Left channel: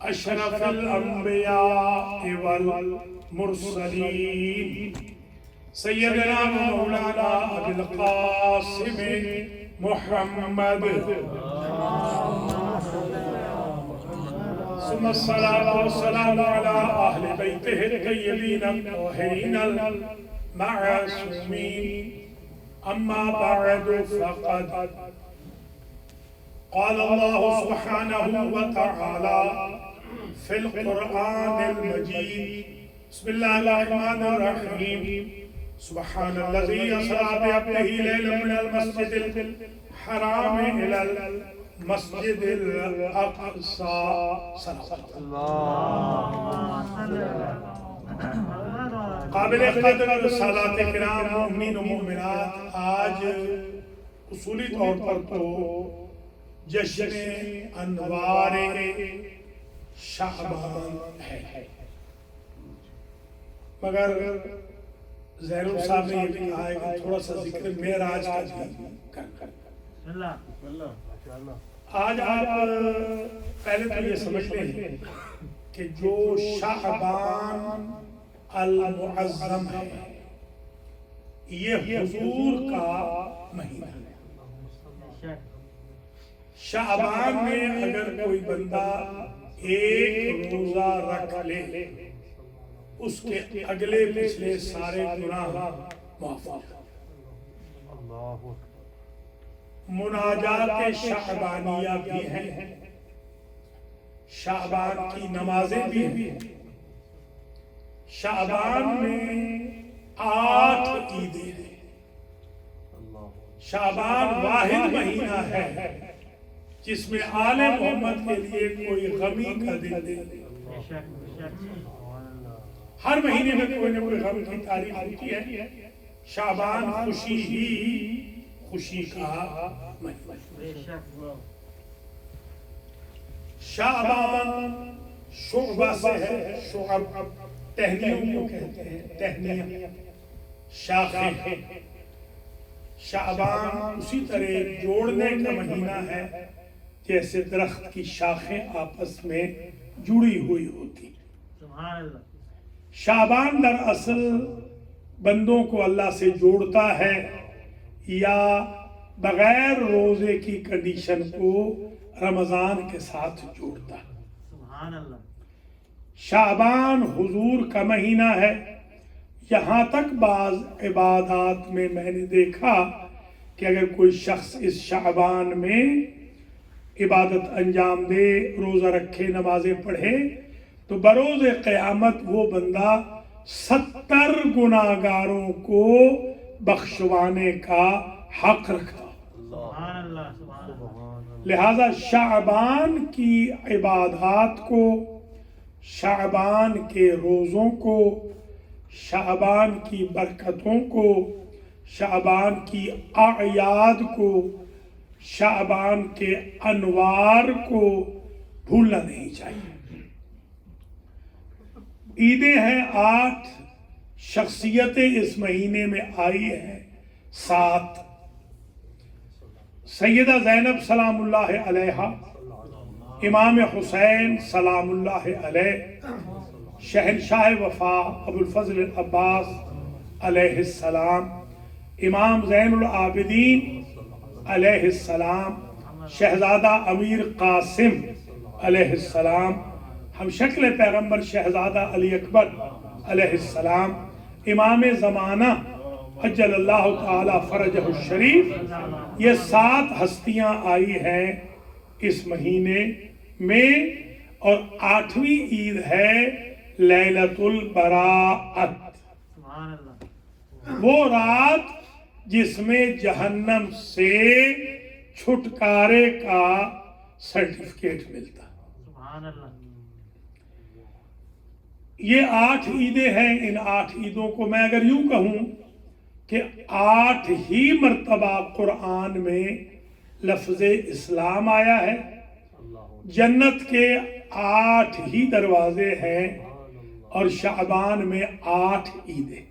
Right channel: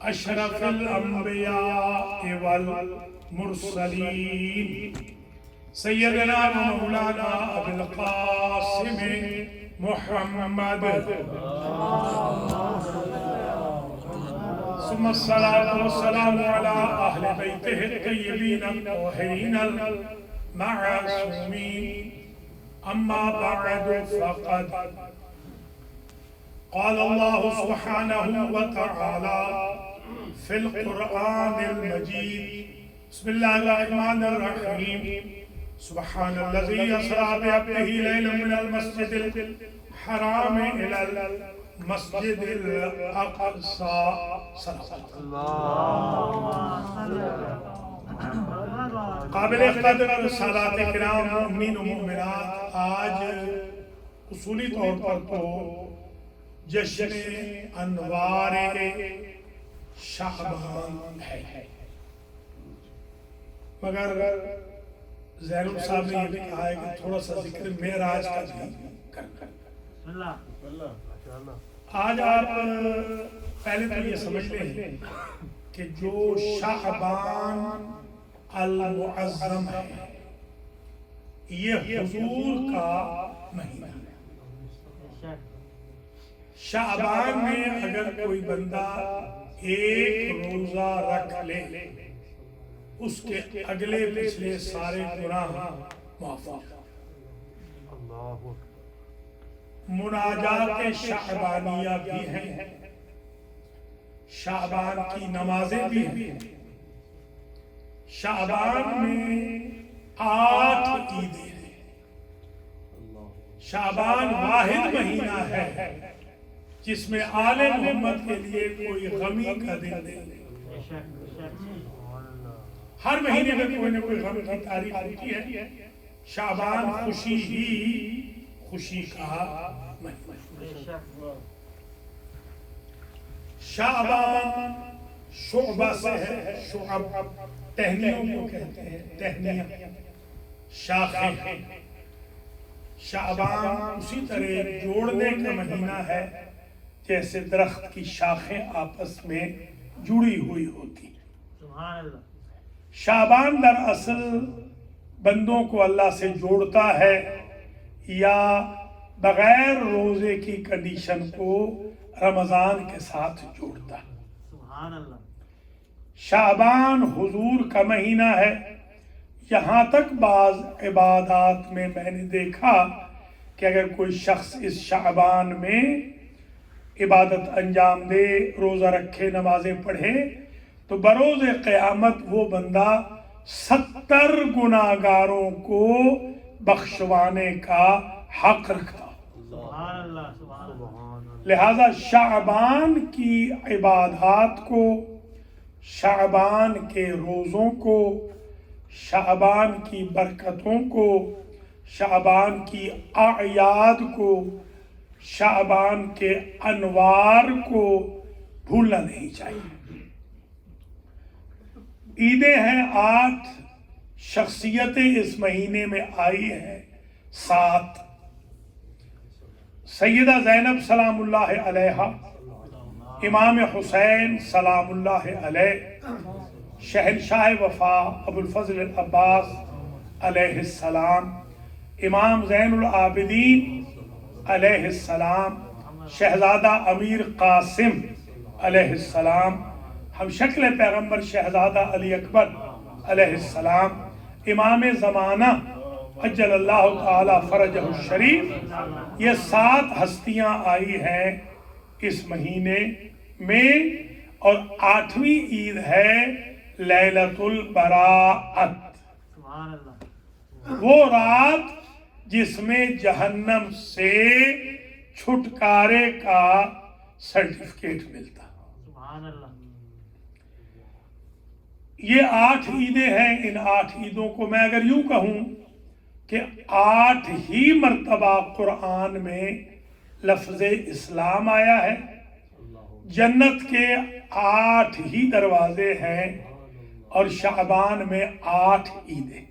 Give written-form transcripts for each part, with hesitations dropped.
اشرف الانبیاء والمرسلین سیدنا و مولانا ابی القاسم محمد ثم الصلاة والسلام على أهل بيته الطيبين الطاهرين المعصومين أما بعد فقد قال الله سبحانه وتعالى في القرآن المجيد بسم الله الرحمن الرحيم سبحان الذي أسرى بعبده ليلا من المسجد الحرام إلى المسجد الأقصى قابل قدر سادات کرام مومنین و مومنات، آج اصولی طور پر تو جشن انوار شعبان ہے، مگر زین صاحب نے یہ کہا ہے کہ تھوڑا سا ذکر معراج کا بھی کرنا۔ آج آپ پہلے تو یہ سمجھ لیں کہ جو شعبان المعظم ہے یہ حضور کا مہینہ ہے۔ شعبان میں اگر کوئی بندہ ایک روزہ رکھ لے اس کے اگلے پچھلے سارے گناہ معاف ہو جاتے ہیں۔ مناجات شعبانیہ بھی ہیں، شعبان کی نمازیں بھی ہیں۔ شعبان میں 8 عیدیں ہیں۔ شعبان واحد مہینہ ہے جس میں آل محمد کے لیے کوئی غمی کا دن نہیں۔ ہر مہینے میں کوئی نہ کوئی غم کی تاریخ ہوتی ہے۔ شعبان خوشی ہی خوشی کا مہینہ۔ شعبان شعبہ سے ہے، شعب ٹہنیوں کو کہتے ہیں، ٹہنیاں شاخیں۔ شعبان اسی طرح جوڑنے کا مہینہ ہے جیسے درخت کی شاخیں آپس میں جڑی ہوئی ہوتی۔ شعبان دراصل بندوں کو اللہ سے جوڑتا ہے یا بغیر روزے کی کنڈیشن کو رمضان کے ساتھ جوڑتا ہے۔ شعبان حضور کا مہینہ ہے۔ یہاں تک بعض عبادات میں میں نے دیکھا کہ اگر کوئی شخص اس شعبان میں عبادت انجام دے، روزہ رکھے، نمازیں پڑھے تو بروز قیامت وہ بندہ 70 گناہگاروں کو بخشوانے کا حق رکھتا۔ لہذا شعبان کی عبادات کو، شعبان کے روزوں کو، شعبان کی برکتوں کو، شعبان کی اعیاد کو، شعبان کے انوار کو بھولنا نہیں چاہیے۔ عیدیں ہیں 8، شخصیتیں اس مہینے میں آئی ہیں 7۔ سیدہ زینب سلام اللہ علیہا، امام حسین سلام اللہ علیہ، شہنشاہ وفا ابو الفضل العباس علیہ السلام، امام زین العابدین علیہ السلام، شہزادہ امیر قاسم علیہ السلام، ہم شکل پیغمبر شہزادہ علی اکبر علیہ السلام، امام زمانہ عجل اللہ تعالی فرجہ الشریف، یہ 7 ہستیاں آئی ہیں اس مہینے میں۔ اور 8ویں عید ہے لیلۃ البراءت، وہ رات جس میں جہنم سے چھٹکارے کا سرٹیفکیٹ ملتا۔ یہ 8 عیدیں ہیں۔ ان 8 عیدوں کو میں اگر یوں کہوں کہ 8 ہی مرتبہ قرآن میں لفظ اسلام آیا ہے، جنت کے 8 ہی دروازے ہیں، اور شعبان میں 8 عیدیں۔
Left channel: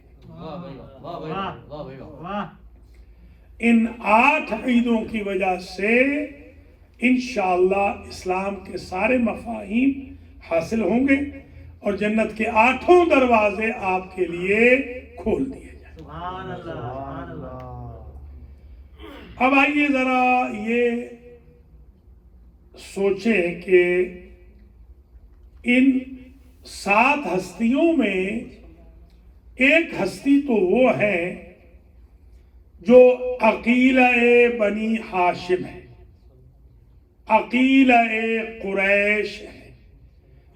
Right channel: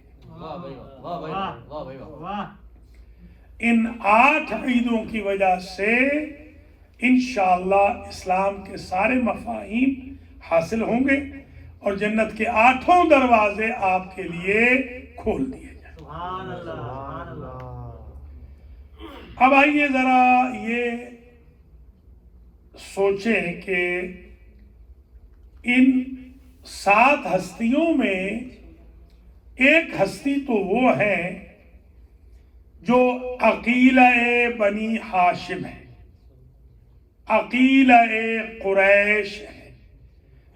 ان 8 عیدوں کی وجہ سے انشاءاللہ اسلام کے سارے مفاہیم حاصل ہوں گے اور جنت کے 8 دروازے آپ کے لیے کھول دیے جائیں۔ سبحان اللہ، سبحان اللہ۔ اب آئیے ذرا یہ سوچیں کہ ان 7 ہستیوں میں ایک ہستی تو وہ ہے جو عقیلہ بنی ہاشم ہے، عقیلہ قریش ہے،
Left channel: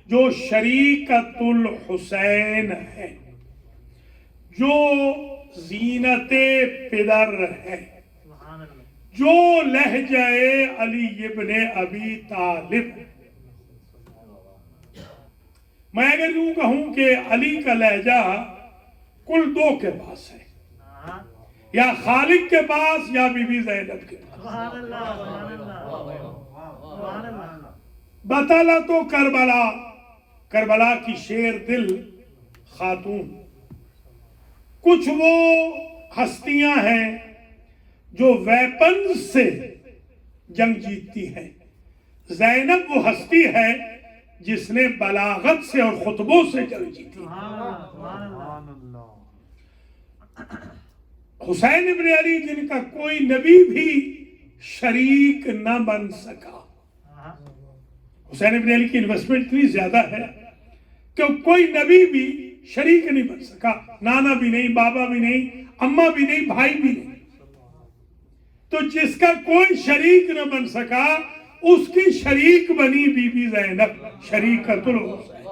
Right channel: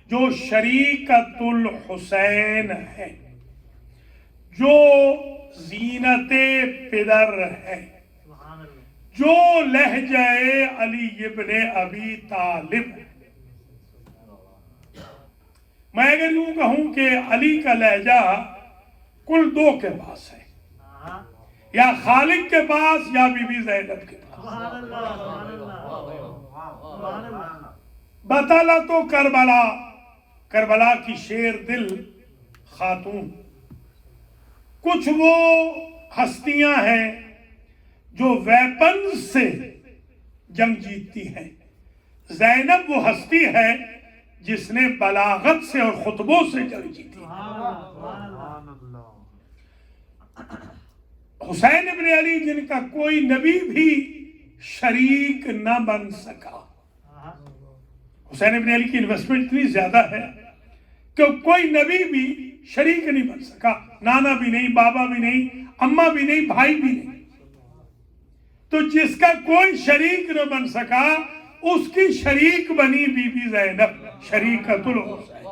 جو شریکت الحسین ہے، جو زینت پدر ہے، جو لہجہ علی ابن ابی طالب ہے۔ میں اگر یوں کہوں کہ علی کا لہجہ کل 2 کے پاس ہے، یا خالد کے پاس یا بی بی زینب کے پاس۔ بطلہ تو کربلا کی شیر دل خاتون، کچھ وہ ہستیاں ہیں جو ویپن سے جنگ جیتتی ہیں، زینب وہ ہستی ہے جس نے بلاغت سے اور خطبوں سے جنگ جیتی۔ حسین ابن علی جن کا کوئی نبی بھی شریک نہ بن سکا، حسین ابن علی کی انویسٹمنٹ اتنی زیادہ ہے کہ کوئی نبی بھی شریک نہیں بن سکا، نانا بھی نہیں، بابا بھی نہیں، اماں بھی نہیں، بھائی بھی نہیں۔ تو جس کا کوئی شریک نہ بن سکا اس کی شریک بنی بی بی زینب، شریکت الحسین۔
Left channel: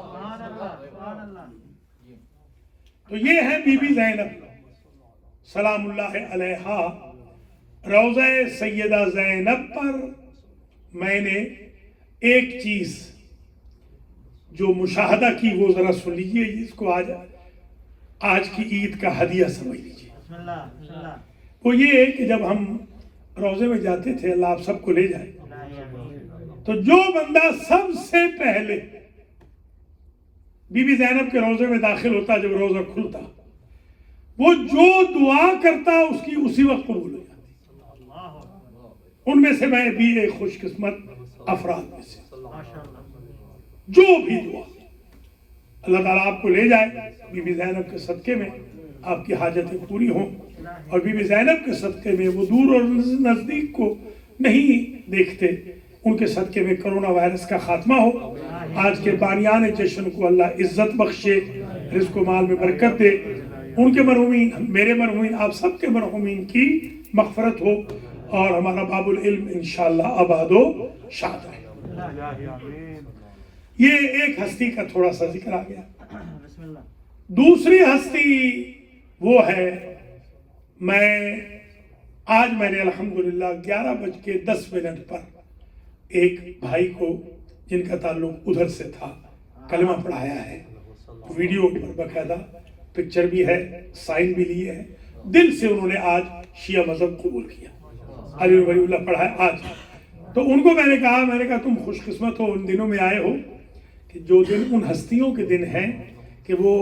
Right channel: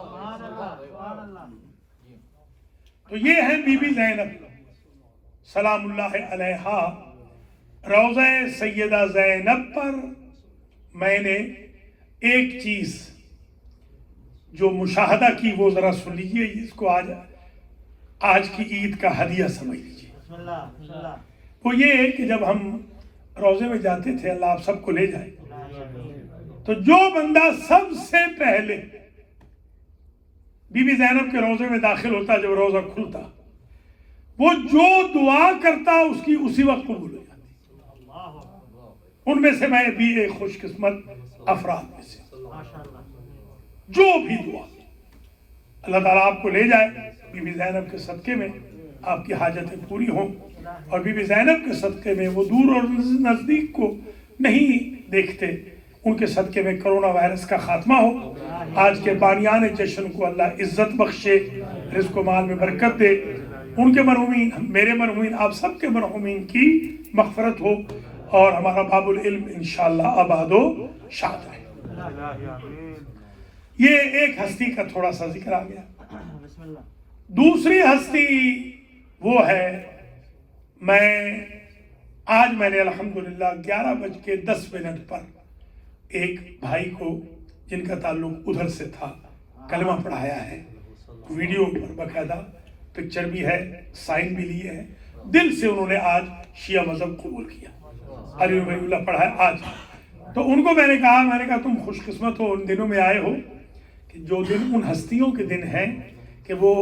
تو یہ ہے بی بی زینب سلام اللہ علیہا۔ روضہ سیدہ زینب پر میں نے ایک چیز جو مشاہدہ کی وہ ذرا سن لیجئے، اس کو آج کی عید کا ہدیہ سمجھ لیجئے۔ وہ یہ ہے کہ جب ہم روضے میں جاتے تھے، اللہ آپ سب کو لے جائے، تو جو بندہ سب سے پہلے بی بی زینب کے روضے میں داخل ہوتا، جب روضہ کھلتا، وہ جو دعا کرتا اس کی اسی وقت قبول ہو جاتی۔ ان میں سے میں بھی ایک خوش قسمت افراد میں سے، جو بھی دعا اللہ تعالیٰ آپ کو لے جائے، بی بی زینب کے صدقے میں آپ کی حاجتیں پوری ہوں، اور بی بی زینب کے صدقے میں وہ دور اور نزدیک کو نہیں دیکھتے، ان کے صدقے میں کرونا وائرس کا خاتمہ ہو، آج کے بانیان جشن کو اللہ عزت بخشے، رزق و مال میں برکت دے، ان کے مرحومین، میرے مرحومین، آپ سب کے مرحومین کی مغفرت ہو، اور ہمارا باب العلم انشاءاللہ آباد و شاد رہے۔ یہ ایک ہستی کا تھوڑا سا ذکر آ گیا۔ دوسری ہستی وہ ہے، آج میں نے الحمدللہ 11:10 پر ایک بھائی کو جن کا تعلق ادھر سے تھا کلمہ پڑھایا ہے، ویڈیو پر باقاعدہ پکچر بھی ہے، سائن بھی لیے ہے، دل سے انہوں نے آج شیعہ مذہب قبول کیا، علی ولی اللہ پڑھا ہے آج۔ تو ان کو میں نے کہا تم خوش قسمت ہو، ان دنوں میں آئے ہو کہ جو دن ان ہستیوں کے دن ہیں کہ وہ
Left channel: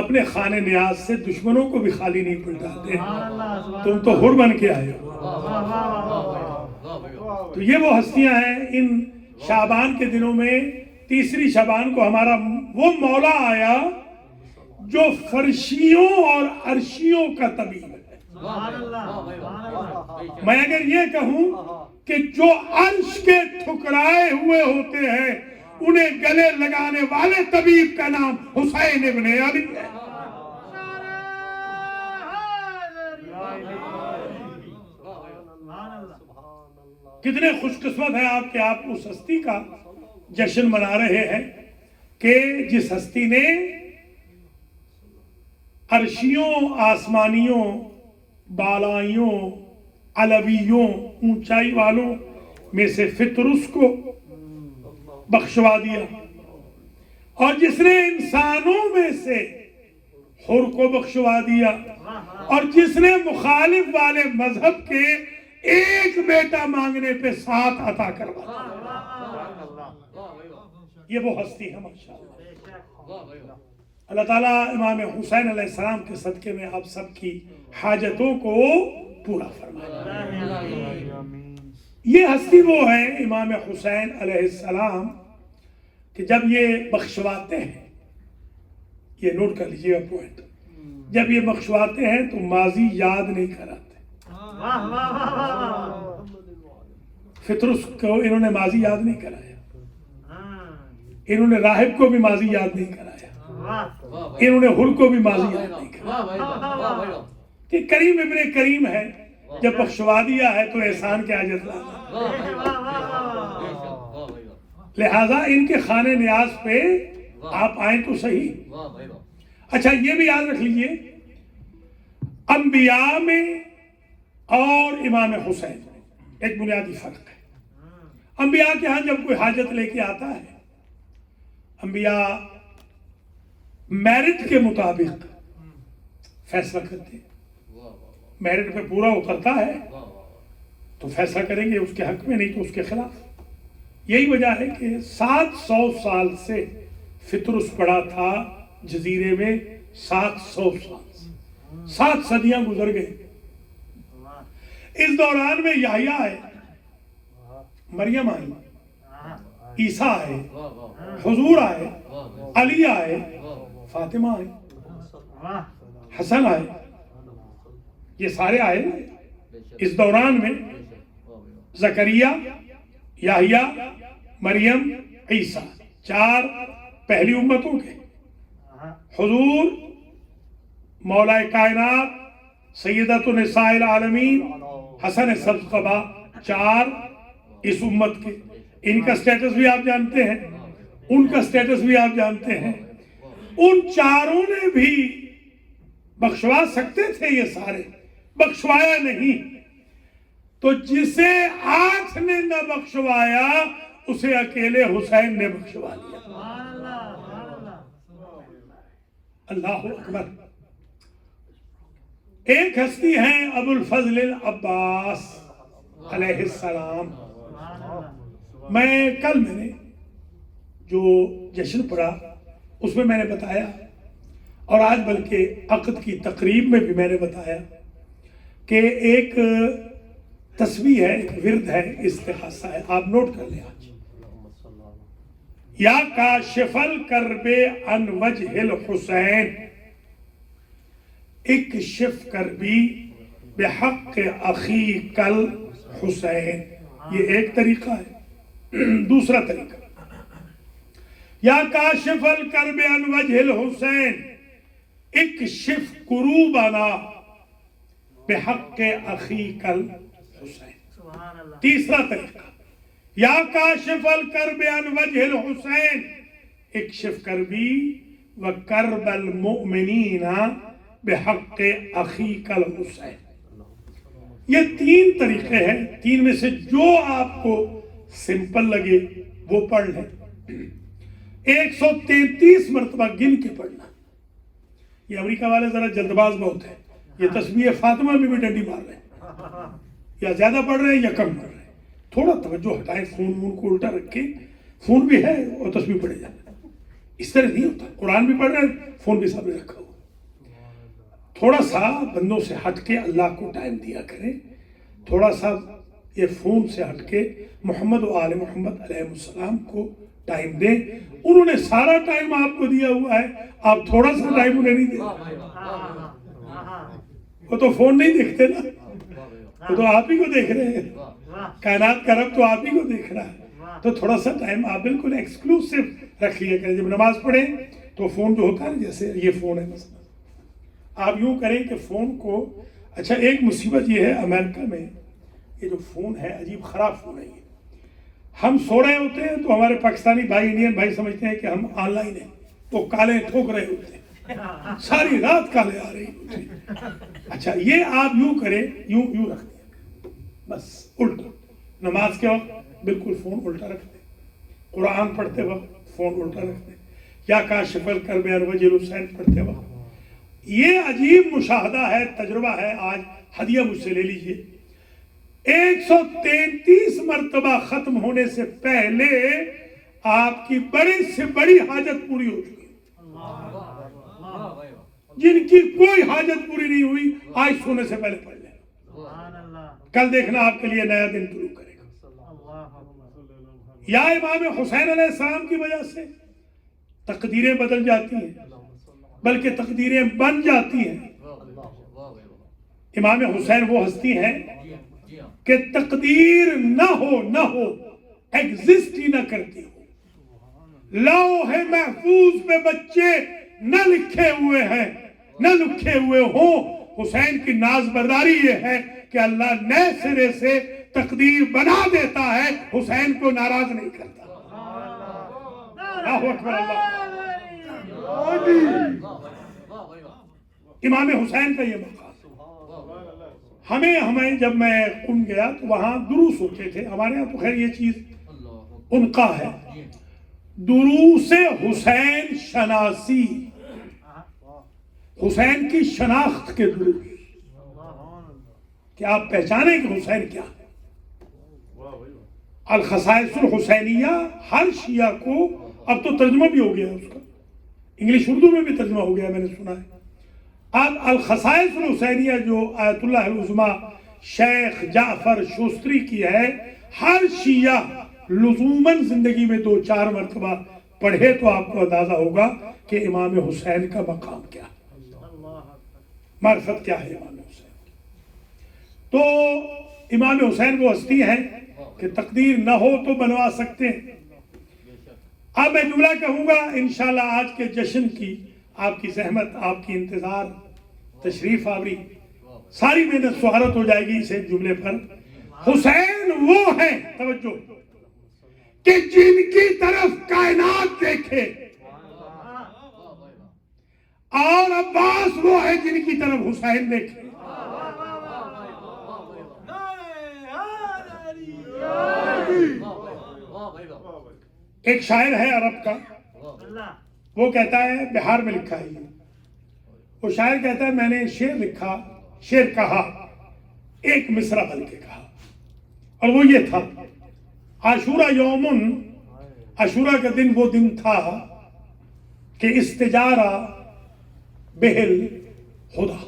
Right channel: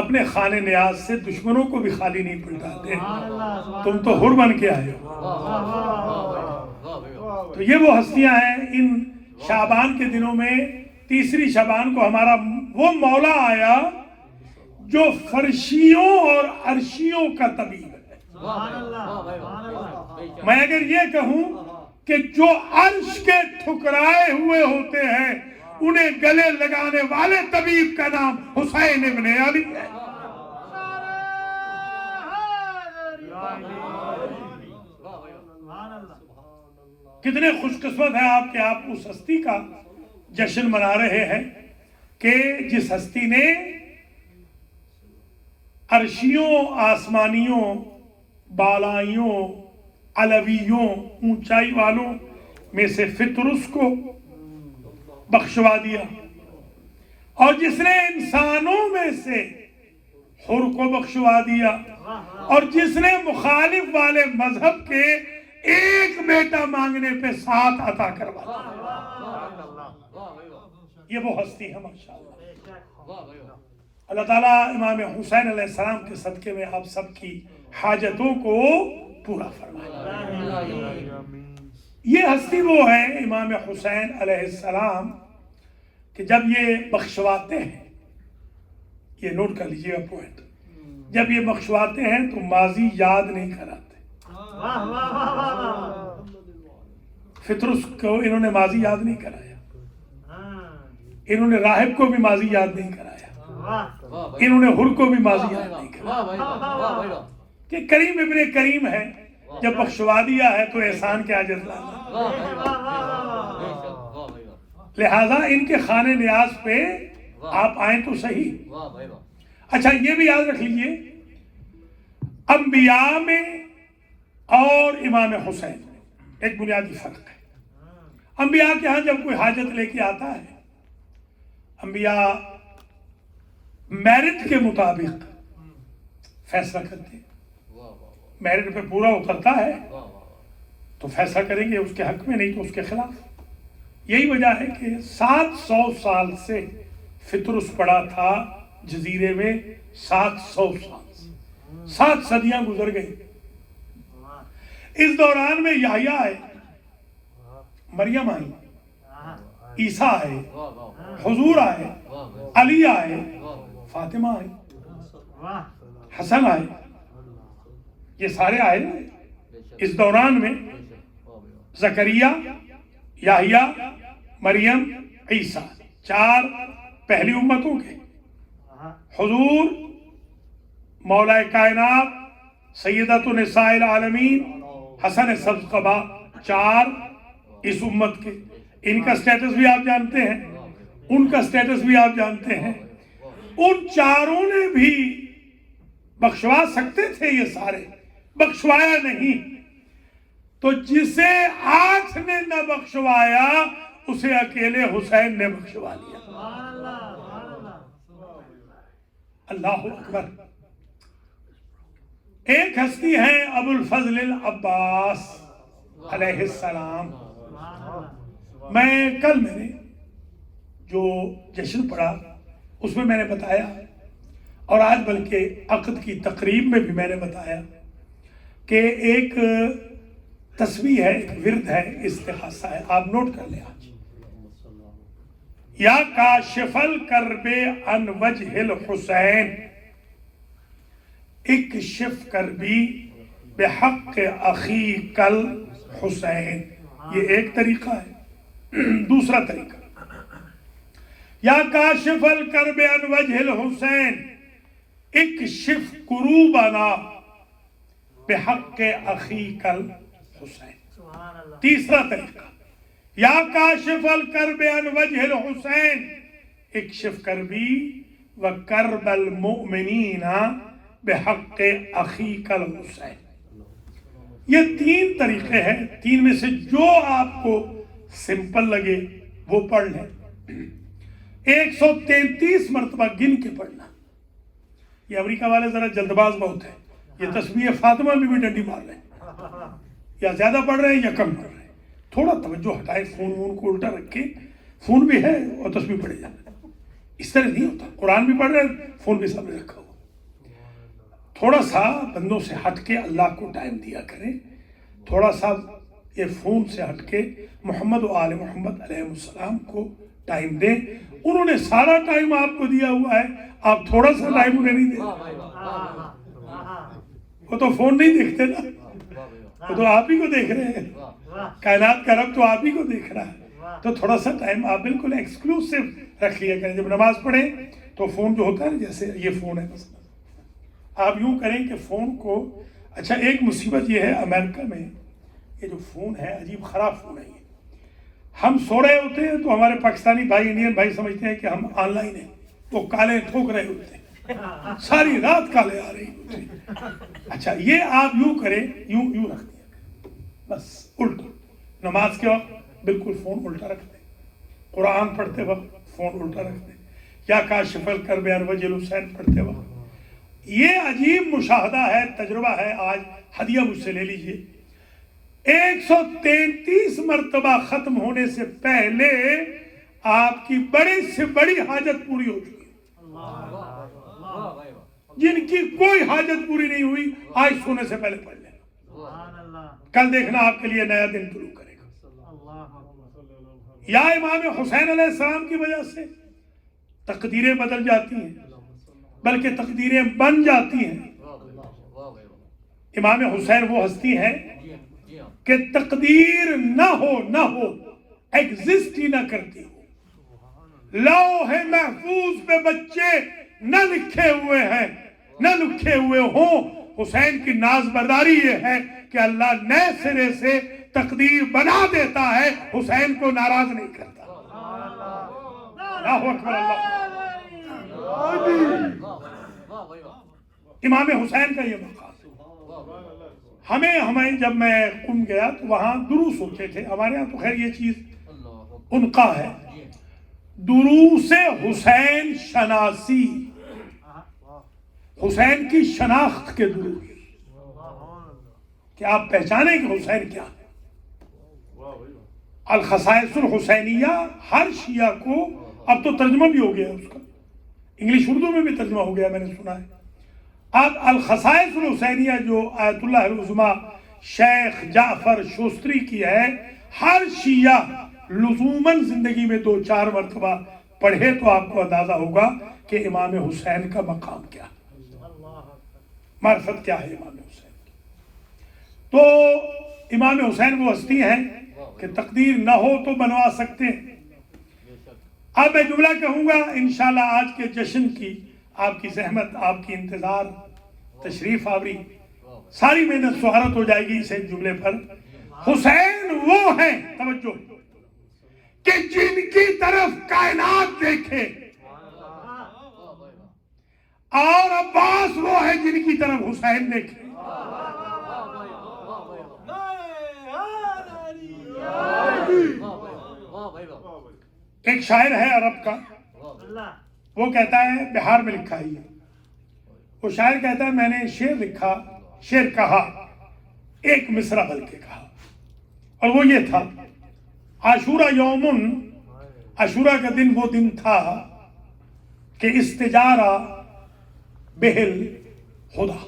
اپنے خانہ نیاز سے دشمنوں کو بھی خالی نہیں پلٹاتے، تم تو حر بن کے آئے ہو۔ تو یہ وہ ہستیاں ہیں۔ ان شعبان کے دنوں میں 3 شعبان کو ہمارا وہ مولا آیا جو فرشیوں اور عرشیوں کا طبیب ہے۔ میں اگر یہ کہوں کہ جو عرش کے ٹھکرائے ہوئے ہوتے ہیں انہیں گلے لگانے والے طبیب کا نام حسین ابن علی ہے۔ کتنے خوش قسمت ہیں آپ کہ آپ اس ہستی کا جشن منا رہے ہیں کہ جس ہستی نے عرشیوں، آسمانیوں، بالائیوں، علویوں، اونچائی والوں میں سے فطرس کو بخشوا دیا، اور جس نے انسانوں میں سے حر کو بخشوا دیا، اور جس نے مخالف والے مذہب کے ایک بیٹا مانگنے پہ 7 عطا کروا دیا۔ یہ وہ ہستی ہے ماشاءاللہ۔ اللہ تعالیٰ امام حسین علیہ السلام کے صدقے میں آپ سب کی حاجتوں کو پورا فرمائے۔ یہ ہستی وہ ہے امام حسین علیہ السلام کہ جب یہ بخشواتے ہیں، یہ نوٹ کر لیجیے گا پوائنٹ، جب یہ بخشواتے ہیں تو ماضی یاد نہیں کراتے۔ واہ واہ واہ واہ، فطرس کو انہوں نے ماضی یاد نہیں کرایا، ہاں، انہوں نے راہب کو بھی ماضی یاد نہیں کرایا، واہ، انہوں نے حر کو بھی ماضی یاد نہیں کرایا، کہ کریم ابن کریم ہے، جب بخشوا دیا ہے تو احسان کیا جتلانا۔ لہذا ان کے خانے نیاز پہ آپ آئیں تو صحیح۔ اچھا یہ بھی یاد رکھ لیجئے، انبیاء میں اور امام حسین میں ایک بنیادی فرق ہے۔ انبیاء کے ہاں جب کوئی حاجت لے کے آتا ہے، انبیاء میرٹ کے مطابق فیصلہ کرتے ہیں، میرٹ پہ پورا اترتا ہے تو فیصلہ کریں گے اس کے حق میں، نہیں تو اس کے خلاف۔ یہی وجہ ہے کہ 700 سال سے فطرس پڑا تھا جزیرے میں، 700 سال سے 7 صدیاں گزر گئی۔ اس دوران میں یحییٰ آئے، مریم آئی، عیسیٰ آئے، حضور آئے، علی آئے، فاطمہ آئے، حسن آئے، یہ سارے آئے اس دوران میں۔ زکریا، یحییٰ، مریم، عیسیٰ، 4 پہلی امتوں کے۔ حضور مولا کائنات سیدۃ النساء العالمین حسن سبزقبا، 4 اس امت کے۔ ان کا سٹیٹس بھی آپ جانتے ہیں، ان کا سٹیٹس بھی آپ جانتے ہیں۔ ان چاروں نے بھی بخشوا سکتے تھے، یہ سارے بخشوایا نہیں، تو جسے 8 نے نہ بخشوایا اسے اکیلے حسین نے بخشوا دیا۔ اللہ اکبر۔ ایک ہستی ہیں ابو الفضل العباس علیہ السلام۔ کل میں نے جو جشن پڑھا اس میں نے بتایا، اور آج بلکہ عقد کی تقریب میں بھی میں نے بتایا کہ ایک تسبیح ہے، ایک ورد ہے، استغاثہ ہے، آپ نوٹ کر لیں آج۔ یا کاشف الکرب عن وجہ الحسین اکشف کربی بحق اخیک الحسین، یہ ایک طریقہ ہے۔ دوسرا طریقہ، یا کاشف الکرب عن وجہ الحسین اکشف کروبنا بحق اخیک الحسین۔ تیسرا طریقہ، یا کاشف الکرب عن وجہ الحسین اکشف کربی وکرب المؤمنین بحق اخیک الحسین۔ یہ 3 طریقے ہیں، 3 میں سے جو آپ کو سمپل لگے وہ پڑھ لیں۔ 133 مرتبہ گن کے پڑھنا۔ یہ امریکہ والے ذرا جلد باز بہت ہے، یہ تسبیح فاطمہ میں بھی ڈنڈی مار رہے ہیں، یا زیادہ پڑھ رہے ہیں یا کم پڑھ رہے ہیں۔ تھوڑا توجہ ہٹائے، فون کو الٹا رکھ کے، فون بھی ہے اور تسبیح پڑھے جائے، اس طرح نہیں ہوتا۔ قرآن بھی پڑھ رہے ہیں، فون بھی سامنے رکھا ہو۔ تھوڑا سا بندوں سے ہٹ کے اللہ کو ٹائم دیا کریں، تھوڑا سا یہ فون سے ہٹ کے محمد و آل محمد علیہ السلام کو ٹائم دیں۔ انہوں نے سارا ٹائم آپ کو دیا ہوا ہے، آپ تھوڑا سا ٹائم انہیں نہیں دیں۔ وہ تو فون نہیں دیکھتے نا، وہ تو آپ ہی کو دیکھ رہے ہیں، کائنات کا رب تو آپ ہی کو دیکھ رہا ہے۔ تو تھوڑا سا ٹائم آپ بالکل ایکسکلوسیو رکھ لیا کریں۔ جب نماز پڑھیں تو فون جو ہوتا ہے، جیسے یہ فون ہے مثلا، آپ یوں کریں کہ فون کو، اچھا ایک مصیبت یہ ہے امریکہ میں، یہ جو فون ہے عجیب خراب فون ہے یہ۔ ہم سو رہے ہوتے ہیں تو ہمارے پاکستانی بھائی، انڈین بھائی سمجھتے ہیں کہ ہم آن لائن ہیں، وہ کالے ٹھوک رہے ہوتے ہیں، ساری رات کالے آ رہی ہوتی ہیں۔ اچھا یہ آپ یوں کریں، یوں رکھ دیا بس الٹا، نماز کے وقت بالکل فون الٹا رکھ دیں، قرآن پڑھتے وقت فون الٹا رکھ دیں، یا کاشف الکرب عن وجہ الحسین پڑھتے وقت۔ یہ عجیب مشاہدہ ہے، تجربہ ہے، آج ہدیہ مجھ سے لے لیجئے۔ 133 مرتبہ ختم ہونے سے پہلے آپ کی بڑی سے بڑی حاجت پوری ہو چکی ہے۔ جن کی کوئی حاجت پوری نہیں ہوئی آج سونے سے پہلے پڑھ لیں، کل دیکھنا آپ کے لیے نیا دن شروع کرے گا۔ یا امام حسین علیہ السلام کی وجہ سے تقدیریں بدل جاتی ہیں، بلکہ تقدیریں بن جاتی ہیں۔ امام حسین وہ ہستی ہیں کہ تقدیر نہ ہو ایگزسٹ ہی نہ کرتی ہو۔ لوح محفوظ پہ بچے نہ لکھے ہوئے ہیں، نہ لکھے ہوئے ہوں۔ حسین کی ناز برداری یہ ہے کہ اللہ نئے سرے سے تقدیر بنا دیتا ہے، حسین کو ناراض نہیں کرتا۔ اللہ اکبر اللہ۔ امام حسین کا یہ مقام، ہمیں جب میں قم گیا تو وہاں دروس ہوتے تھے، ہمارے یہاں تو خیر یہ چیز انقا ہے، دروس حسین شناسی، حسین کی شناخت کے دروس، کہ آپ پہچانیں کہ حسین کیا ہے۔ الخصائص الحسینیہ ہر شیعہ کو، اب تو ترجمہ بھی ہو گیا اس کا، انگلش اردو میں بھی ترجمہ ہو گیا، میں نے سنا ہے۔ اب الخصائص الحسینیہ جو آیت اللہ العظمیٰ شیخ جعفر شوستری کی ہے، ہر شیعہ لزوماً زندگی میں 2-4 مرتبہ پڑھے تو آپ کو اندازہ ہوگا کہ امام حسین کا مقام کیا ہے، معرفت کیا ہے امام حسین کی۔ تو امام حسین وہ ہستی ہیں کہ تقدیر نہ ہو تو بنوا سکتے ہیں۔ اب میں جملہ کہوں گا انشاءاللہ آج کے جشن کی، آپ کی زحمت، آپ کی انتظار، تشریف آوری، ساری محنت سہارت ہو جائے گی اس ایک جملے پر۔ حسین وہ ہیں، توجہ، کہ جن کی طرف کائنات دیکھے، اور عباس وہ ہے جن کی طرف حسین دیکھے۔ ایک شاعر ہے عرب کا، وہ کہتا ہے، بہار میں لکھا ہے، وہ شاعر کہتا ہے میں نے شعر کہا، ایک مصرع بلکہ کہا، اور وہ یہ تھا، عاشورہ یومن، عاشورہ کا دن وہ دن تھا کہ استجارہ بہل خدا،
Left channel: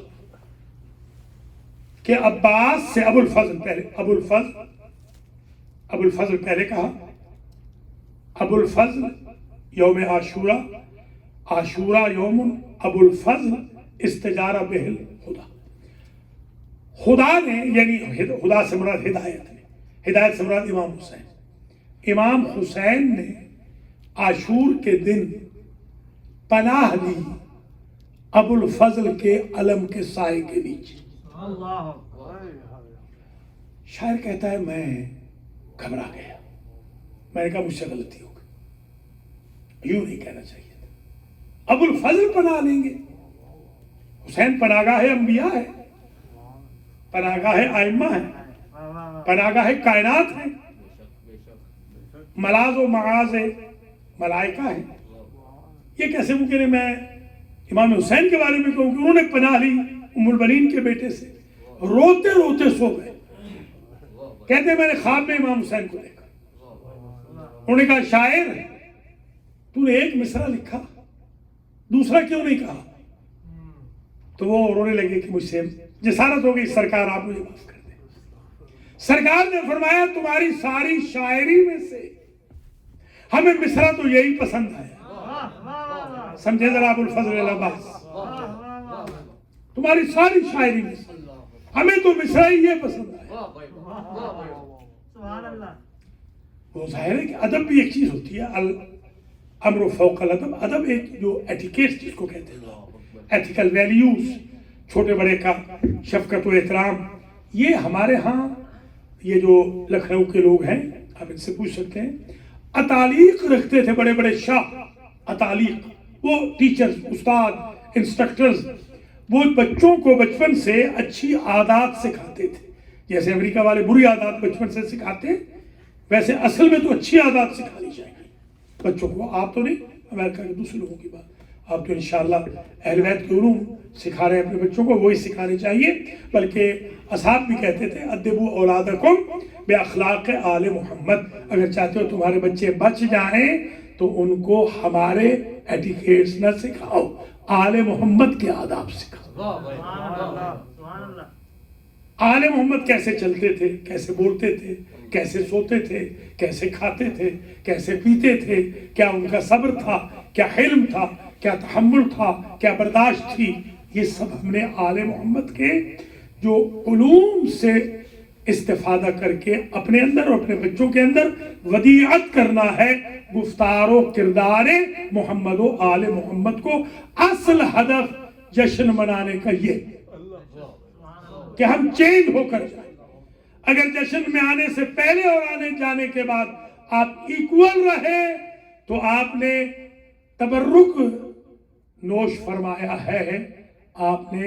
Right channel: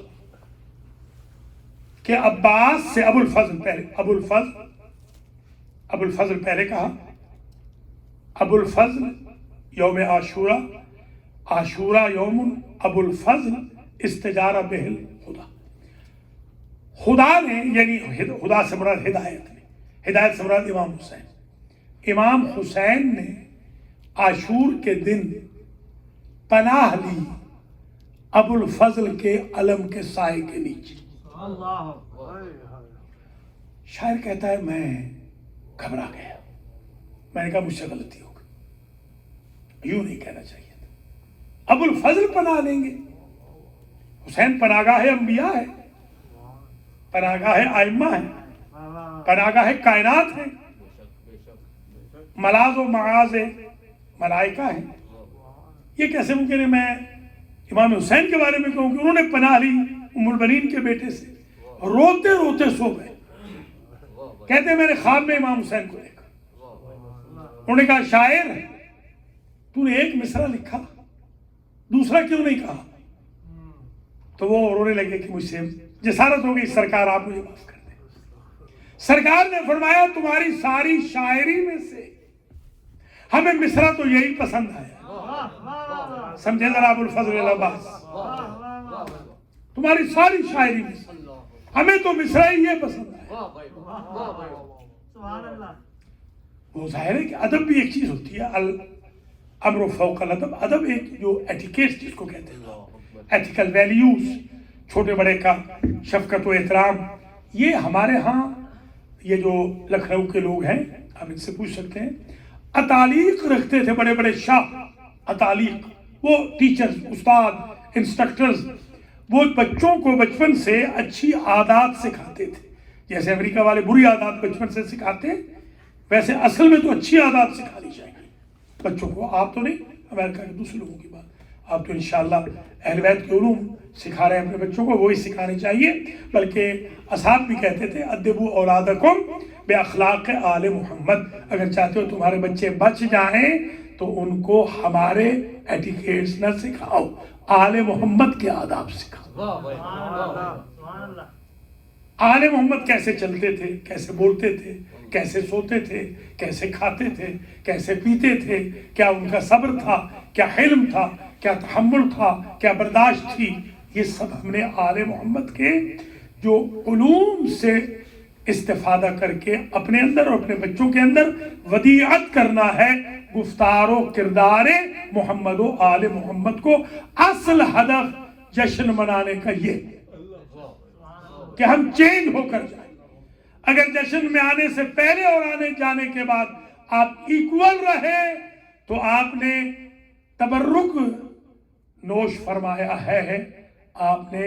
کہ عباس سے ابو الفضل پہلے کہا، ابو الفضل یوم عاشورہ، عاشورہ یوم ابو الفضل استجارہ بہل خدا۔ خدا نے، یعنی خدا سے مراد ہدایت نے، ہدایت سے مراد امام حسین، امام حسین نے عاشور کے دن پناہ لی ابو الفضل کے علم کے سائے کے نیچے۔ شاعر کہتا ہے میں گھبرا گیا، میں نے کہا مجھ سے غلطی ہو گئی، یوں نہیں کہنا چاہیے تھا۔ ابو الفضل پناہ لیں گے، حسین پناہگاہ انبیاء ہے، پناہگاہ ائمہ ہے، پناہگاہ کائنات ہے، ملاذ و معاذ ملائکہ ہیں۔ یہ کیسے ممکن ہے میں امام حسین کے بارے میں کہوں کہ انہوں نے پناہ لی ام البنین کے بیٹے سے، روتے روتے سو گئے، کہتے میں نے خواب میں امام حسین کو دیکھا۔ انہوں نے کہا شاعر تو نے ایک مصرع لکھا، دوسرا کیوں نہیں کہا؟ تو وہ رونے لگے کہ مجھ سے جسارت ہو گئی، سرکار آپ مجھے معاف کر دیں۔ سرکار نے فرمایا تمہاری ساری شاعری میں سے ہمیں مصرع تو یہی پسند ہے، سمجھے ذرا ابو الفضل العباس، تمہاری ساری شاعری میں سے ہمیں تو مصرع ہی یہ پسند ہے۔ وہ ظاہر ہے کہ ادب بھی ایک چیز ہوتی ہے، الامر فوق الادب، ادب ایک جو ایٹیکیٹس جس کو کہتے ہیں، ایتھیکل ویلیوز، چھوٹے بڑے کا شفقت و احترام، یہ ہمارے ہاں یہ جو لکھنؤ کے لوگ ہیں آپ ان سے پوچھ سکتے ہیں، اتالیق رکھتے تھے بڑے بڑے شاہ، اتالیق، وہ ٹیچرز، استاد، انسٹرکٹرز، وہ بچوں کو بچپن سے اچھی عادات سکھاتے تھے، جیسے امریکہ والے بری عادات بچپن سے سکھاتے ہیں، ویسے اصل میں تو اچھی عادات سکھانی چاہیے بچوں کو۔ آپ تو نہیں، امریکہ کے دوسرے لوگوں کی بات، آپ تو انشاءاللہ اہل بیت کے علوم سکھا رہے ہیں اپنے بچوں کو، وہی سکھانے چاہیے۔ بلکہ اصحاب بھی کہتے تھے ادبوا اولادکم باخلاق آل محمد، اگر چاہتے ہو تمہارے بچے بچ جائیں تو ان کو ہمارے ایٹیکیٹس نہ سکھاؤ، آل محمد کے آداب سکھاؤ۔ آل محمد کیسے چلتے تھے، کیسے بولتے تھے، کیسے سوتے تھے، کیسے کھاتے تھے، کیسے پیتے تھے، کیا ان کا صبر تھا، کیا حلم تھا، کیا تحمل تھا، کیا برداشت تھی، یہ سب ہم نے آل محمد کے جو علوم سے استفادہ کر کے اپنے اندر اور اپنے بچوں کے اندر ودیعت کرنا ہے۔ گفتار و کردار محمد و آل محمد کو اصل ہدف جشن منانے کا یہ کہ ہم چینج ہو کر جائیں۔ اگر جشن میں آنے سے پہلے اور آنے جانے کے بعد آپ ایکول رہے تو آپ نے تبرک نوش فرمایا ہے، آپ نے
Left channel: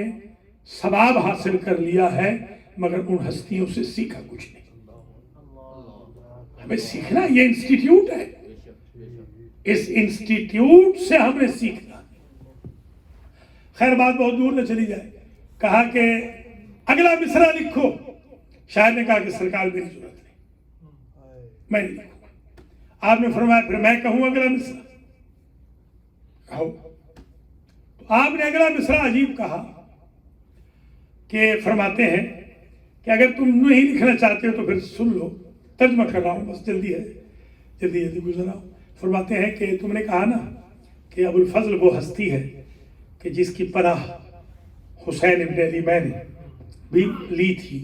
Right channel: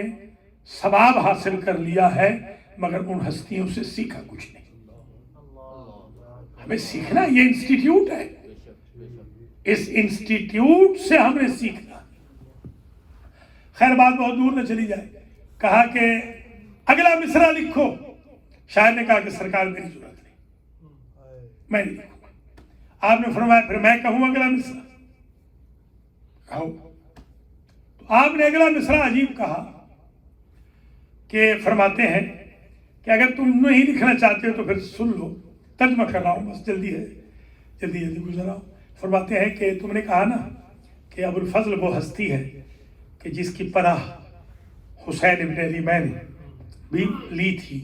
ثواب حاصل کر لیا ہے، مگر ان ہستیوں سے سیکھا کچھ نہیں۔ ہمیں سیکھنا، یہ انسٹیٹیوٹ ہے، اس انسٹیٹیوٹ سے ہم نے سیکھنا۔ خیر بات بہت دور نہ چلی جائے، کہا کہ اگلا مصرع لکھو۔ شاعر نے کہا کہ سرکار میری ضرورت نہیں، میں نہیں لکھوں۔ آپ نے فرمایا پھر میں کہوں اگلا مصرع؟ کہو۔ تو آپ نے اگلا مصرع عجیب کہا کہ فرماتے ہیں کہ اگر تم نہیں لکھنا چاہتے ہو تو پھر سن لو، ترجمہ کر رہا ہوں، بس جلدی ہے، جلدی گزر رہا ہوں۔ فرماتے ہیں کہ تم نے کہا نا کہ ابو الفضل وہ ہستی ہے کہ جس کی پناہ حسین ابن علی میں نے بھی لی تھی،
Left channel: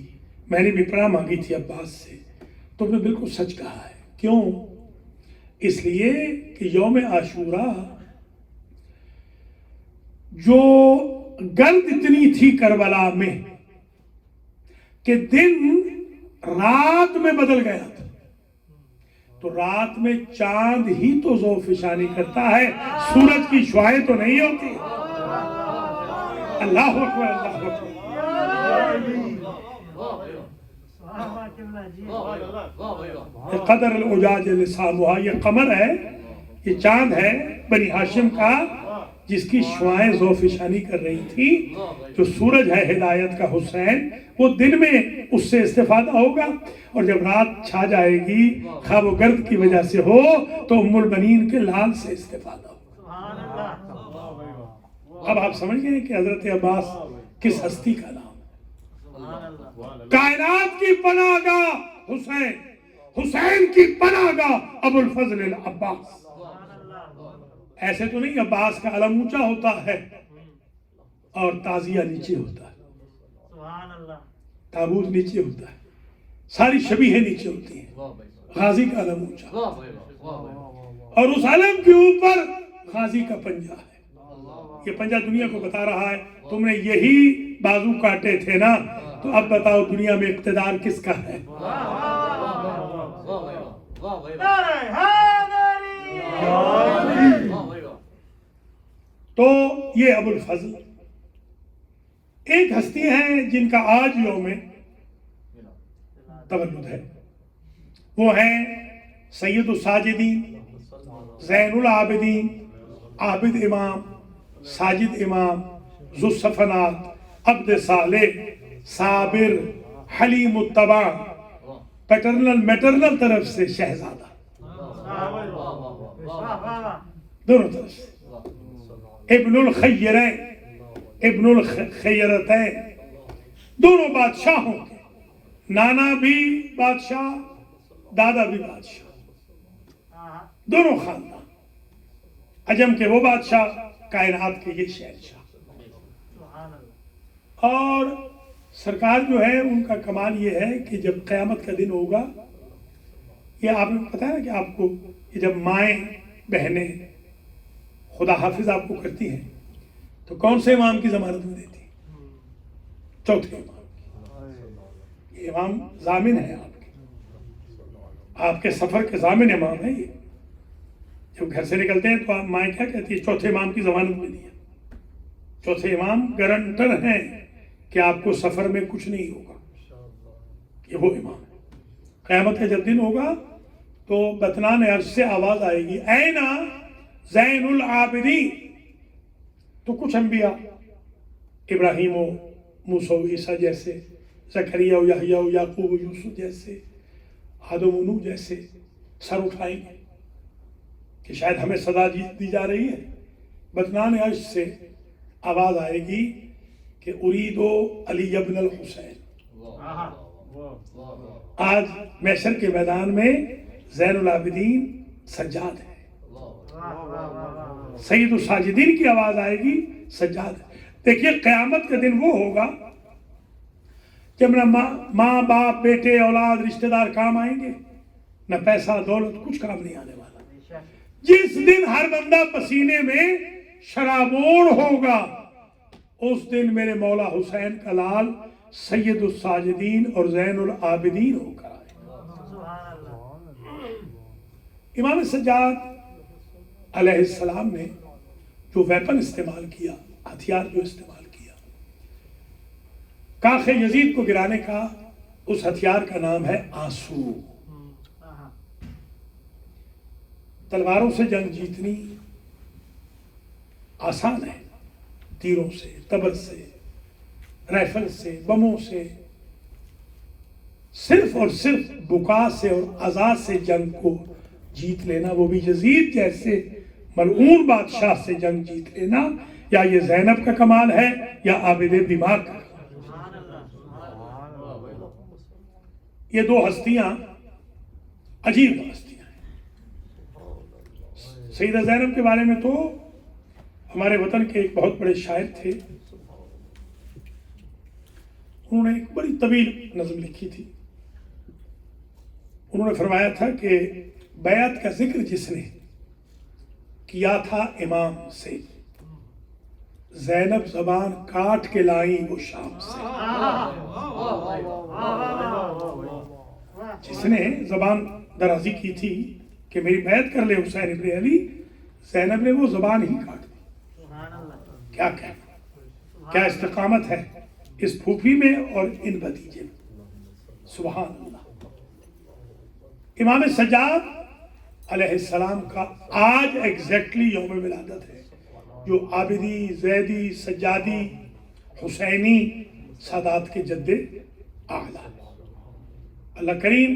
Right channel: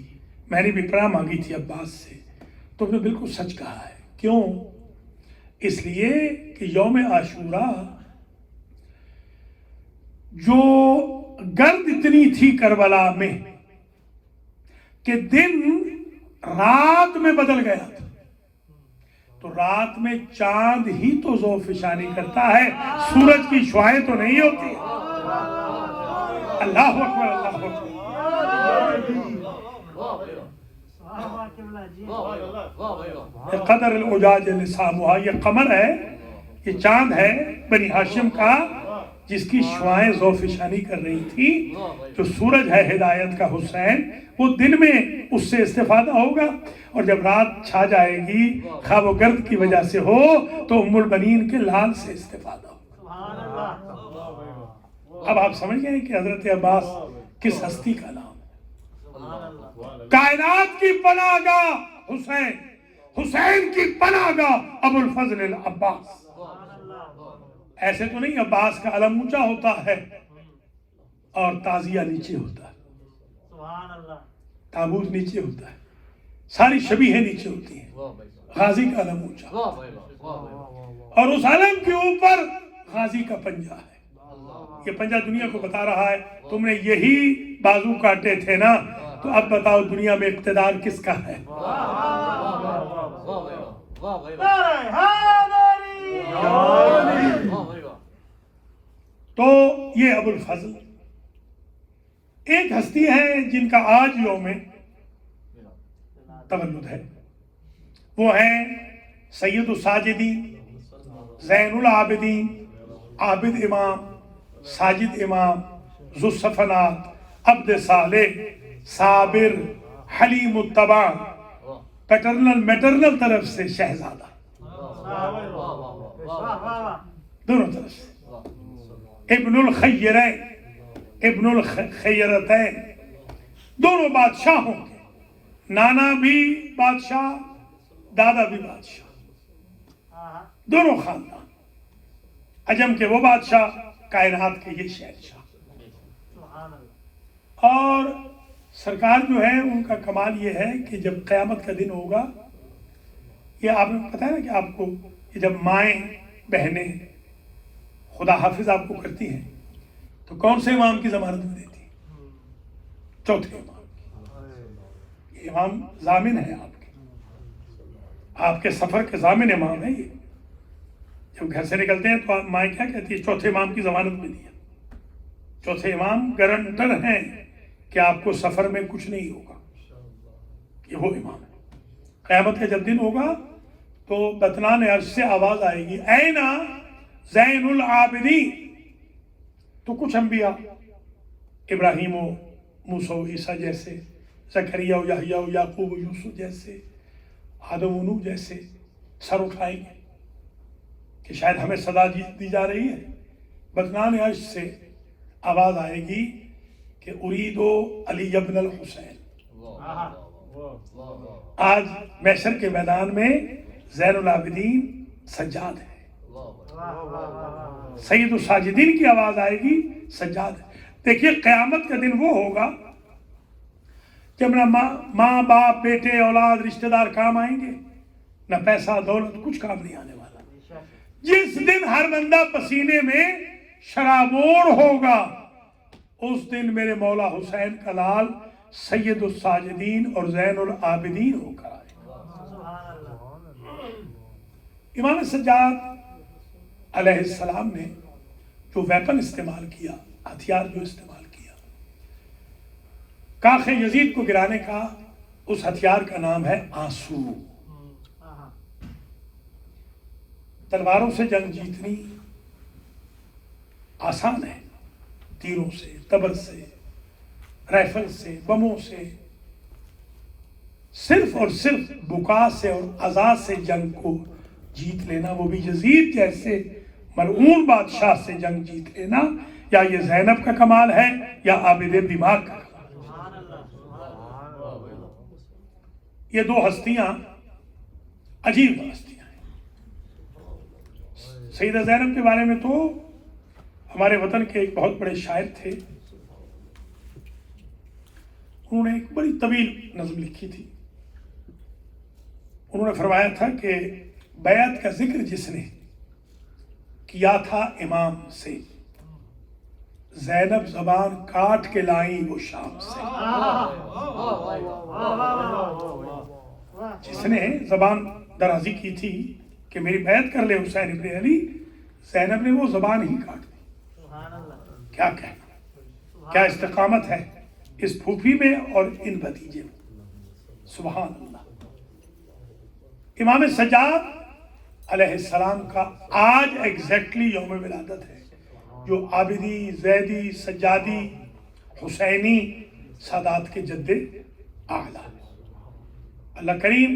میں نے بھی پناہ مانگی تھی عباس سے۔ تم نے بالکل سچ کہا ہے۔ کیوں؟ اس لیے کہ یوم عاشوراء جو گرد اتنی تھی کربلا میں کہ دن رات میں بدل گیا تھا، تو رات میں چاند ہی تو ذوفشانی کرتا ہے، سورج کی شعاعیں تو نہیں ہوتی۔ اللہ اکبر، اللہ اکبر۔ قدر العجاج لسامها، یہ قمر ہے، یہ چاند ہے بنی ہاشم کا، جس کی شعاعیں ذوفشانی کر رہی تھی۔ جو سورج ہے ہدایت کا حسین، وہ دن میں اس سے استفادہ ہوگا، اور جب رات چھا جائے گی خواب و گرد کی وجہ سے ہو تو ام البنین کے لال سے استفادہ ہوگا۔ اب آپ سمجھ گئے کہ حضرت عباس کس ہستی کا نام ہے؟ کائنات کی پناہ گاہ حسین، حسین کی پناہ گاہ ابو الفضل العباس۔ ایسے تو نہیں عباس کا علم اونچا ہوتا ہے اور تعزیہ نیچے ہوتا ہے، تابوت نیچے ہوتا ہے، ساری شبیہیں نیچے ہوتی ہیں، غازی کا علم اونچا، اور اس علم کے اوپر غازی کا پنجہ ہے۔ یہ پنجہ دنیا کو بتا رہا ہے تم نے یہی بازو کاٹے تھے نا، تو اب بتاؤ دنیا میں اقتدار کس کا ہے؟ تو یہ ابو الفضل ایک ہستی ہے جن کا آج یوم تولد ہے، وہ ہیں سید الساجدین، زین العابدین، عابد امام، ساجد امام، ذو الصفنات، عبد صالح، صابر، حلیم الطبع، پیٹرنل میٹرنل طرف سے شہزادہ، دونوں طرف سے، ابن الخیرین، ابن الخیرتین، دونوں بادشاہوں کے، نانا بھی بادشاہ، دادا بھی بادشاہ، دونوں خاندان، عجم کے وہ بادشاہ، کائنات کے یہ شہنشاہ۔ اور سرکار جو ہے ان کا کمال یہ ہے کہ جب قیامت کا دن ہوگا، یہ آپ نے پتا ہے نا کہ آپ کو کہ جب مائیں بہنیں خدا حافظ آپ کو کرتی ہیں تو کون سے امام کی ضمانت میں دیتی؟ چوتھے امام کی۔ یہ امام ضامن ہے آپ کے سفر کے ضامن امام ہے۔ یہ جب گھر سے نکلتے ہیں تو مائیں کیا کہتی ہے؟ چوتھے امام کی ضمانت میں دیا۔ چوتھے امام گارنٹر ہیں کہ آپ کو سفر میں کچھ نہیں ہوگا، یہ وہ امام ہے۔ قیامت کا جب دن ہوگا تو بطنان عرش سے آواز آئے گی، اینا زین العابدین۔ تو کچھ انبیاء ابراہیم و موسیٰ و عیسیٰ جیسے، زکریا و یحییٰ و یعقوب و یوسف جیسے، آدم و نوح جیسے سر اٹھائیں گے کہ شاید ہمیں صدا دی جا رہی ہے۔ بطنان عرش سے آواز آئے گی کہ اریدو علی ابن الحسین، آج محشر کے میدان میں زین العابدین سجاد ہے، سید الساجدین کی آواز آئے گی، سجاد ہے۔ دیکھیے قیامت کا دن وہ ہوگا جب نہ ماں باپ بیٹے اولاد رشتہ دار کام آئیں گے، نہ پیسہ دولت کچھ کام نہیں آنے والا۔ جس دن ہر بندہ پسینے میں شرابور ہوگا، اس دن میرے مولا حسین کا لال سید الساجدین اور زین العابدین ہو کر آئے گا۔ امام سجاد علیہ السلام نے جو ویپن استعمال کیا، ہتھیار جو استعمال کیا، کاخ یزید کو گرانے کا، اس ہتھیار کا نام ہے آنسو۔ تلواروں سے جنگ جیتنی آسان ہے، تیروں سے، تبر سے، رائفل سے، بموں سے، صرف اور صرف بکا سے اور اذى سے جنگ کو جیت لینا، وہ بھی یزید جیسے ملعون بادشاہ سے جنگ جیت لینا، یا یہ زینب کا کمال ہے یا عابد دماغ کا کمال۔ یہ دو ہستیاں عجیب ہستیاں ہیں۔ سیدہ زینب کے بارے میں تو ہمارے وطن کے ایک بہت بڑے شاعر تھے، انہوں نے ایک بڑی طویل نظم لکھی تھی۔ انہوں نے فرمایا تھا کہ بیعت کا ذکر جس نے کیا تھا امام سے، زینب زبان کاٹ کے لائیں وہ شام سے۔ جس نے زبان درازی کی تھی کہ میری بیعت کر لے حسین ابن علی، زینب نے وہ زبان ہی کاٹ دی۔ کیا کہنا، کیا استقامت ہے اس پھوپھی میں اور ان بھتیجے میں، سبحان اللہ۔ امام سجاد علیہ السلام کا آج ایگزیکٹلی یوم ولادت ہے، جو عابدی، زیدی، سجادی، حسینی سادات کے جد اعلیٰ۔ اللہ کریم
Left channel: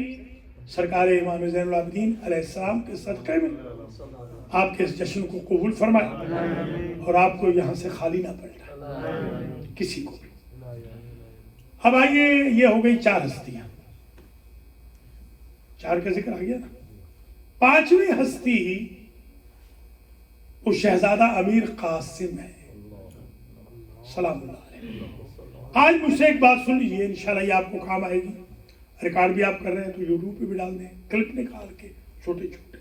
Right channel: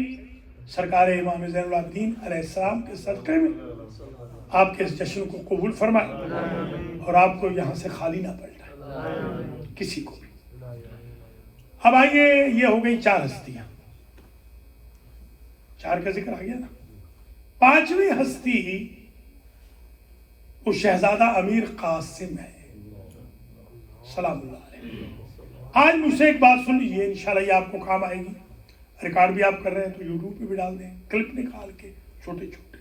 سرکار امام زین العابدین علیہ السلام کے صدقے میں آپ کے اس جشن کو قبول فرمائے اور آپ کو یہاں سے خالی نہ پلٹائے کسی کو بھی۔ اب آئیے، یہ ہو گئی 4 ہستیاں، 4 کا ذکر آ گیا نا۔ 5ویں ہستی وہ شہزادہ امیر قاسم ہے، سلام اللہ علیہ۔ آج مجھ سے ایک بات سن لیجیے، انشاءاللہ یہ آپ کو کام آئے گی۔ ریکارڈ بھی آپ کر رہے ہیں تو یوٹیوب پہ بھی ڈال دیں، کلپ نکال کے چھوٹے چھوٹے۔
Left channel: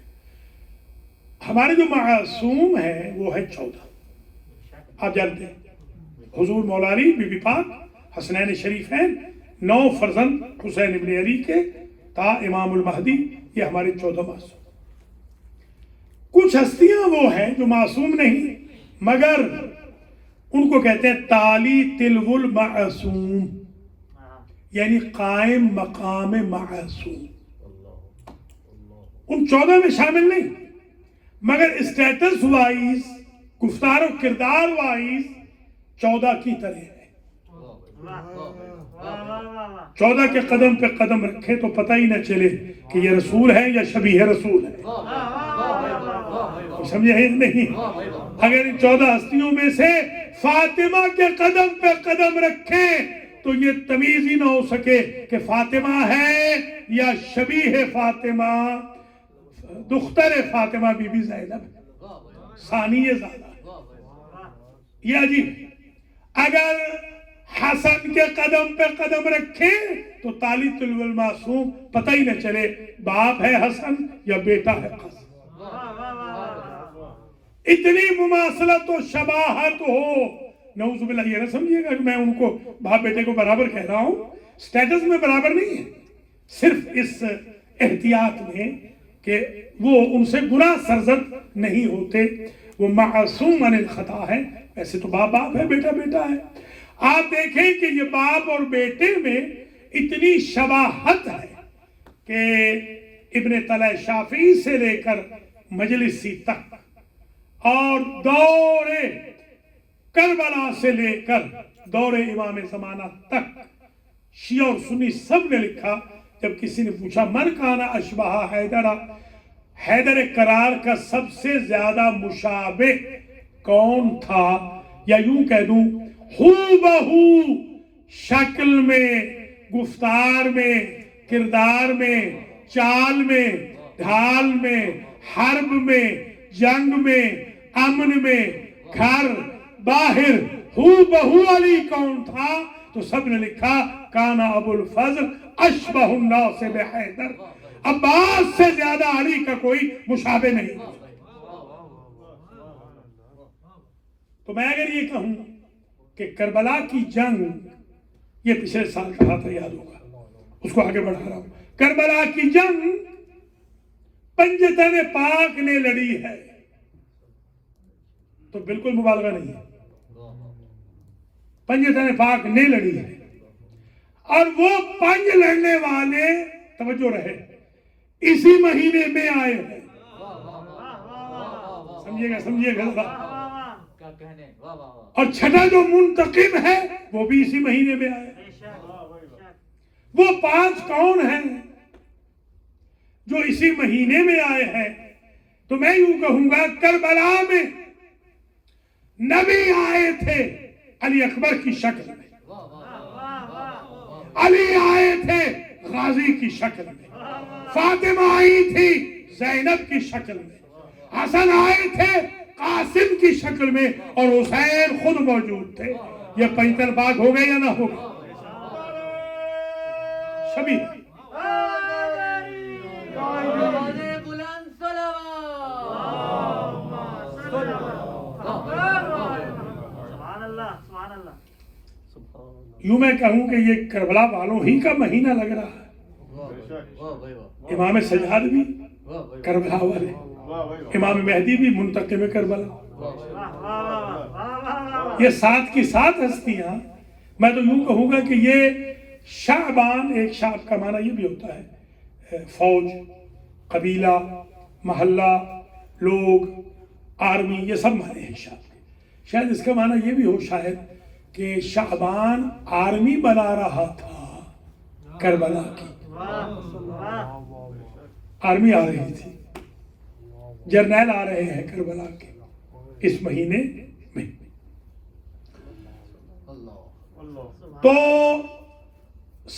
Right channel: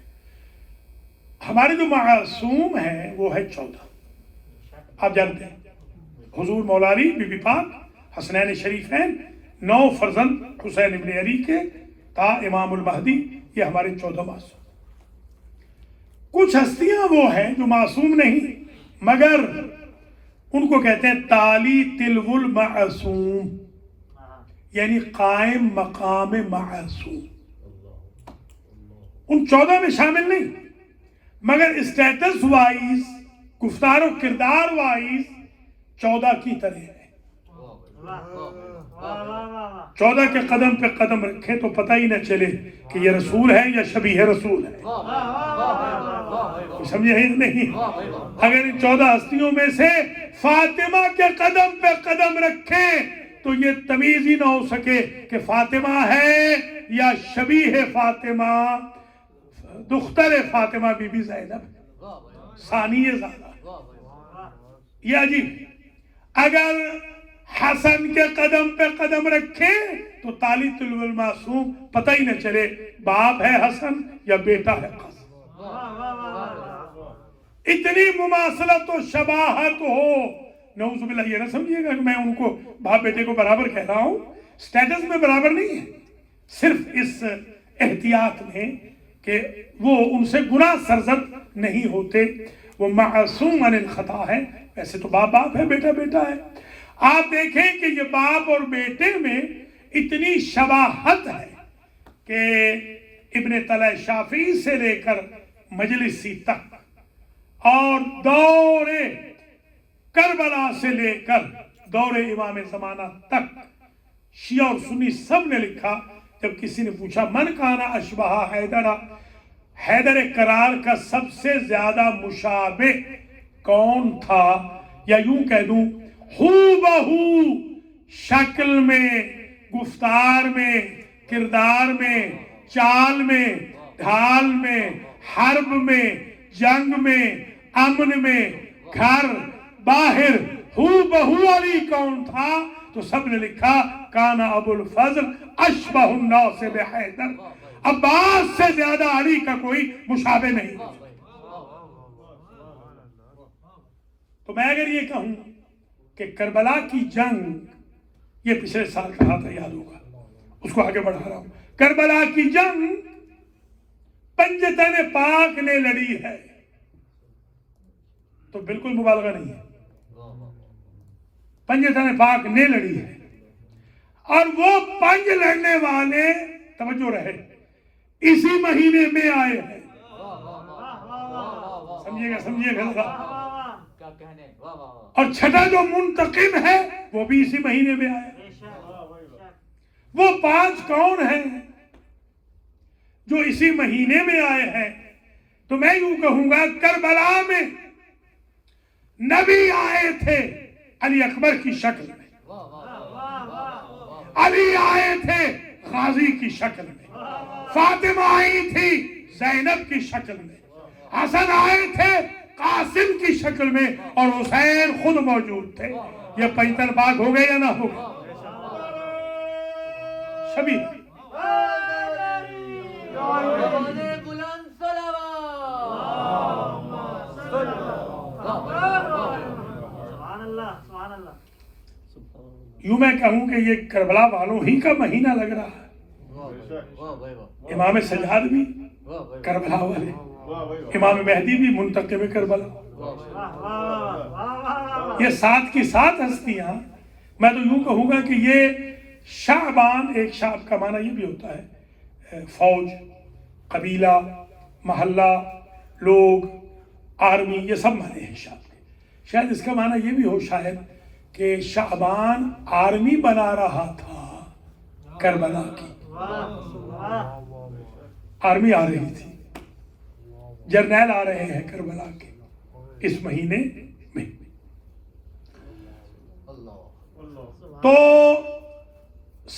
ہمارے جو معصوم ہیں وہ ہے 14، آپ جانتے ہیں، حضور مولا علی، بی بی پاک، حسنین شریفین، 9 فرزند حسین ابن علی کے تا امام المہدی، یہ ہمارے 14 معصوم۔ کچھ ہستیاں وہ ہیں جو معصوم نہیں، مگر ان کو کہتے ہیں تالی تلو المعصوم، یعنی قائم مقام معصوم۔ ان 14 میں شامل نہیں، مگر اسٹیٹس وائز، گفتار و کردار وائز 14 کی طرح ہے۔ 14 کے قدم پہ قدم رکھیں تو پتہ ہی نہ چلے کہ یہ رسول ہے یا شبیہ رسول ہے، سمجھے ہیں نہیں؟ اگر ان 14 ہستیوں میں سے فاطمہ کے قدم پہ قدم رکھیں تو یہ تمیز ہی نہ ہو سکے کہ فاطمہ ہے یا شبیہ فاطمہ، دختر فاطمہ بی بی زینب، ثانی زادہ۔ یہ عجیب۔ اگر حسن کے قدم پہ قدم رکھے تو تالی تلو المعصوم، پتہ ہی نہ چلے باپ ہے حسن یا بیٹا ہے قاسم۔ اتنی مماثلت و شباہت ہو، نعوذ باللہ، یہ نہ سمجھیے گا کہ میں ان کو باپ بیٹے کو برابر کہہ رہا ہوں، سٹیٹس میں برابر نہیں ہے، صرف اس احتیاط میں کہ وہ ان سے گناہ سرزد نہیں ہوتے، وہ معصوم عن الخطا ہے۔ ویسے تو باپ باپ ہے، بیٹا بیٹا ہے۔ آپ دیکھیں کہ یہ باپ اور بیٹے میں اتنی شباہت ہے کہ ابن طلع شافعی سے لے کر مجلسی تک اور دور کربلا سے لے کر دور امام زمانہ تک شیعہ اور سنی سب نے لکھا، جب کسی نے پوچھا من کانا اشبہ حیدرہ، حیدر کرار کا سب سے زیادہ مشابہ کون تھا، یا یوں کہہ دوں ہو بہو شکل میں، گفتار میں، کردار میں، چال میں، ڈھال میں، حرب میں، جنگ میں، امن میں، گھر باہر ہو بہو علی کون تھا؟ تو سب نے لکھا کانا ابو الفضل اشبہ الناس بحیدر، عباس سے زیادہ علی کا کوئی مشابہ نہیں۔ تو میں اگر یہ کہوں کہ کربلا کی جنگ، یہ پچھلے سال کہا تھا، یاد ہوگا، اس کو آگے بڑھا رہا ہوں، کربلا کی جنگ پنجتن پاک نے لڑی ہے، تو بالکل مبالغہ نہیں ہے، پنجتن پاک نے لڑی ہے، اور وہ پنج لڑنے والے، توجہ رہے، اسی مہینے میں آئے ہیں۔ سمجھیے گا اور چھٹا جو منتقم ہے وہ بھی اسی مہینے میں آئے۔ وہ 5 کون ہیں جو اسی مہینے میں آئے ہیں؟ تو میں یوں کہوں گا کربلا میں نبی آئے تھے علی اکبر کی شکل میں، علی آئے تھے غازی کی شکل میں، فاطمہ آئی تھی زینب کی شکل میں، حسن آئے تھے قاسم کی شکل میں، اور حسین خود موجود تھے۔ یہ پنجتن پاک ہو گئے یا نہ ہو گئے؟ شبی یوں میں کہوں کہ یہ کربلا والوں ہی کا مہینہ لگ رہا ہے۔ امام سجاد بھی کربلا والے، امام مہدی بھی منتقم کربلا، یہ 7 کی 7 ہستیاں۔ میں تو یوں کہوں گا کہ یہ شعبان، ایک شعب کا معنی یہ بھی ہوتا ہے فوج، قبیلہ، محلہ، لوگ، آرمی، یہ سب معنی ہیں شعب کے۔ شاید اس کا معنی یہ بھی ہو شاید کہ شعبان آرمی بنا رہا تھا کربلا کی، آرمی آ رہی تھی، جرنیل آ رہے ہیں کربلا کے اس مہینے میں۔ تو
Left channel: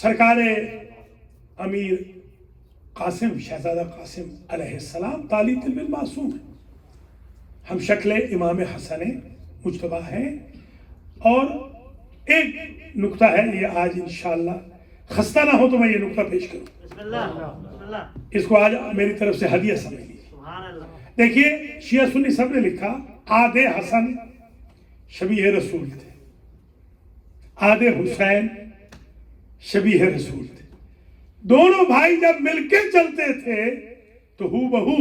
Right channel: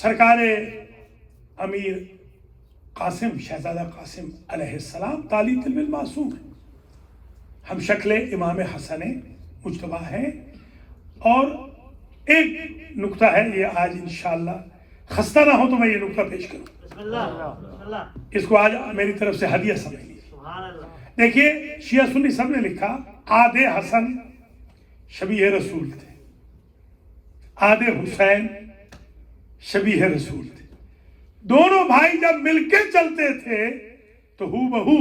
سرکار امیر قاسم، شہزادہ قاسم علیہ السلام تعالی طلب المعصوم ہیں، ہم شکل امام حسن مجتبیٰ ہیں۔ اور ایک نکتہ ہے، یہ آج انشاءاللہ خستہ نہ ہو تو میں یہ نکتہ پیش کروں، اس کو آج میری طرف سے ہدیہ سمجھ لیجیے۔ دیکھیے شیعہ سنی سب نے لکھا آدھے حسن شبیہ رسول تھے، آدھے حسین شبیہ رسول تھے، دونوں بھائی جب مل کے چلتے تھے تو ہو بہو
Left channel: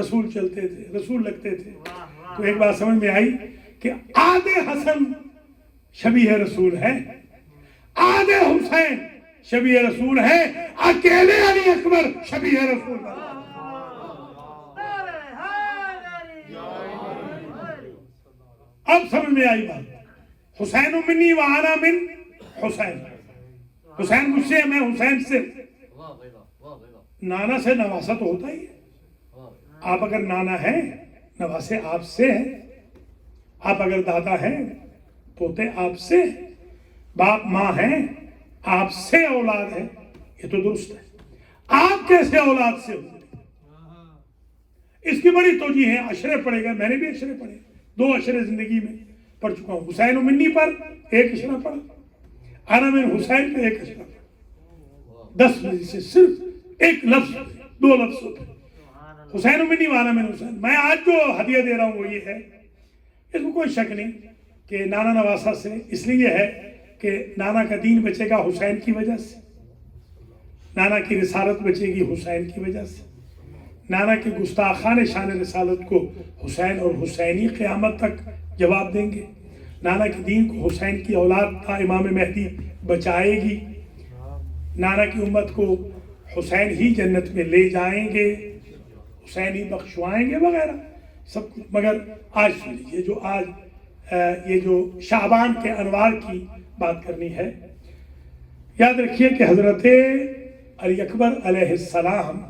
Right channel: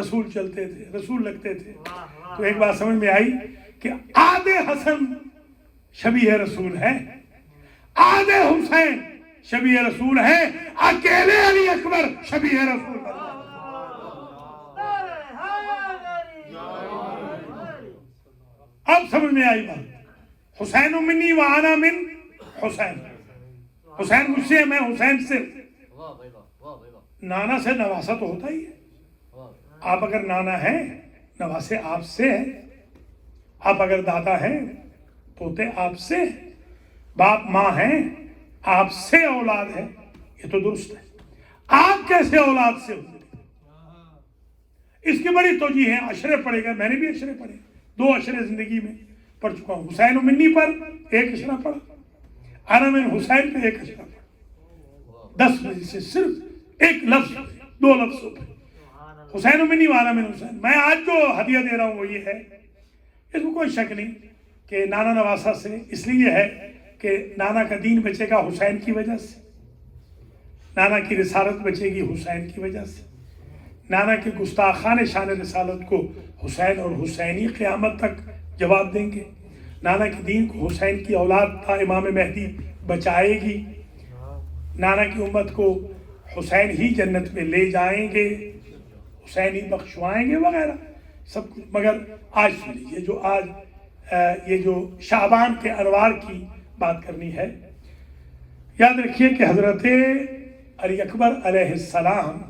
رسول چلتے تھے، رسول لگتے تھے۔ تو ایک بات سمجھ میں آئی کہ آدھے حسن شبیہ رسول ہیں، آدھے حسین شبیہ رسول ہیں، اکیلے علی اکبر شبیہ رسول ہیں۔ اب سمجھ میں آئی بات، حسین منی وانا من حسین، حسین مجھ سے، میں حسین سے۔ نانا سے نواسا تو ہوتا ہی ہے، آپ اگر نانا ہیں نواسے آپ سے ہیں، آپ اگر دادا ہیں پوتے آپ سے، باپ ماں ہیں آپ سے اولاد ہے، یہ تو درست ہے۔ آپ کیسے اولاد سے ہوتے؟ اس کی بڑی توجیہ ہے، عشرے پڑھے گا، میں نے بھی عشرے پڑھے، 2 عشرے زندگی میں پڑھ چکا ہوں۔ حسین منی پر 1 عشرہ پڑھا، انا من حسین پہ 1 عشرہ پڑھا، 10 بجے سے صرف 1 لفظ، 2 لفظ ہوتے، حسین منی وانا من حسین۔ میں آج جو ہدیہ دے رہا ہوں وہ یہ ہے، اس میں کوئی شک نہیں کہ نانا نواسا سے اس لیے ہے کہ نانا کا دین بچے گا حسین کی وجہ سے، نانا کی رسالت بچے گی حسین کی وجہ سے، نانا کے گستاخان شان رسالت کو حسین اور حسینی قیامت تک جواب دیں گے، نانا کے دین کو حسین کی اولاد تھا امام مہدی بچائے گی، نانا کی امت کو حسین ہی جنت میں لے جائیں گے، حسین ہی بخشوائیں گے وغیرہ سب کچھ۔ مگر آج سن لیجیے، جو آج یہ جو شعبان کے انوار کی بات کرنی ہے، یاد رکھیے کہ حضرت علی اکبر علیہ السلام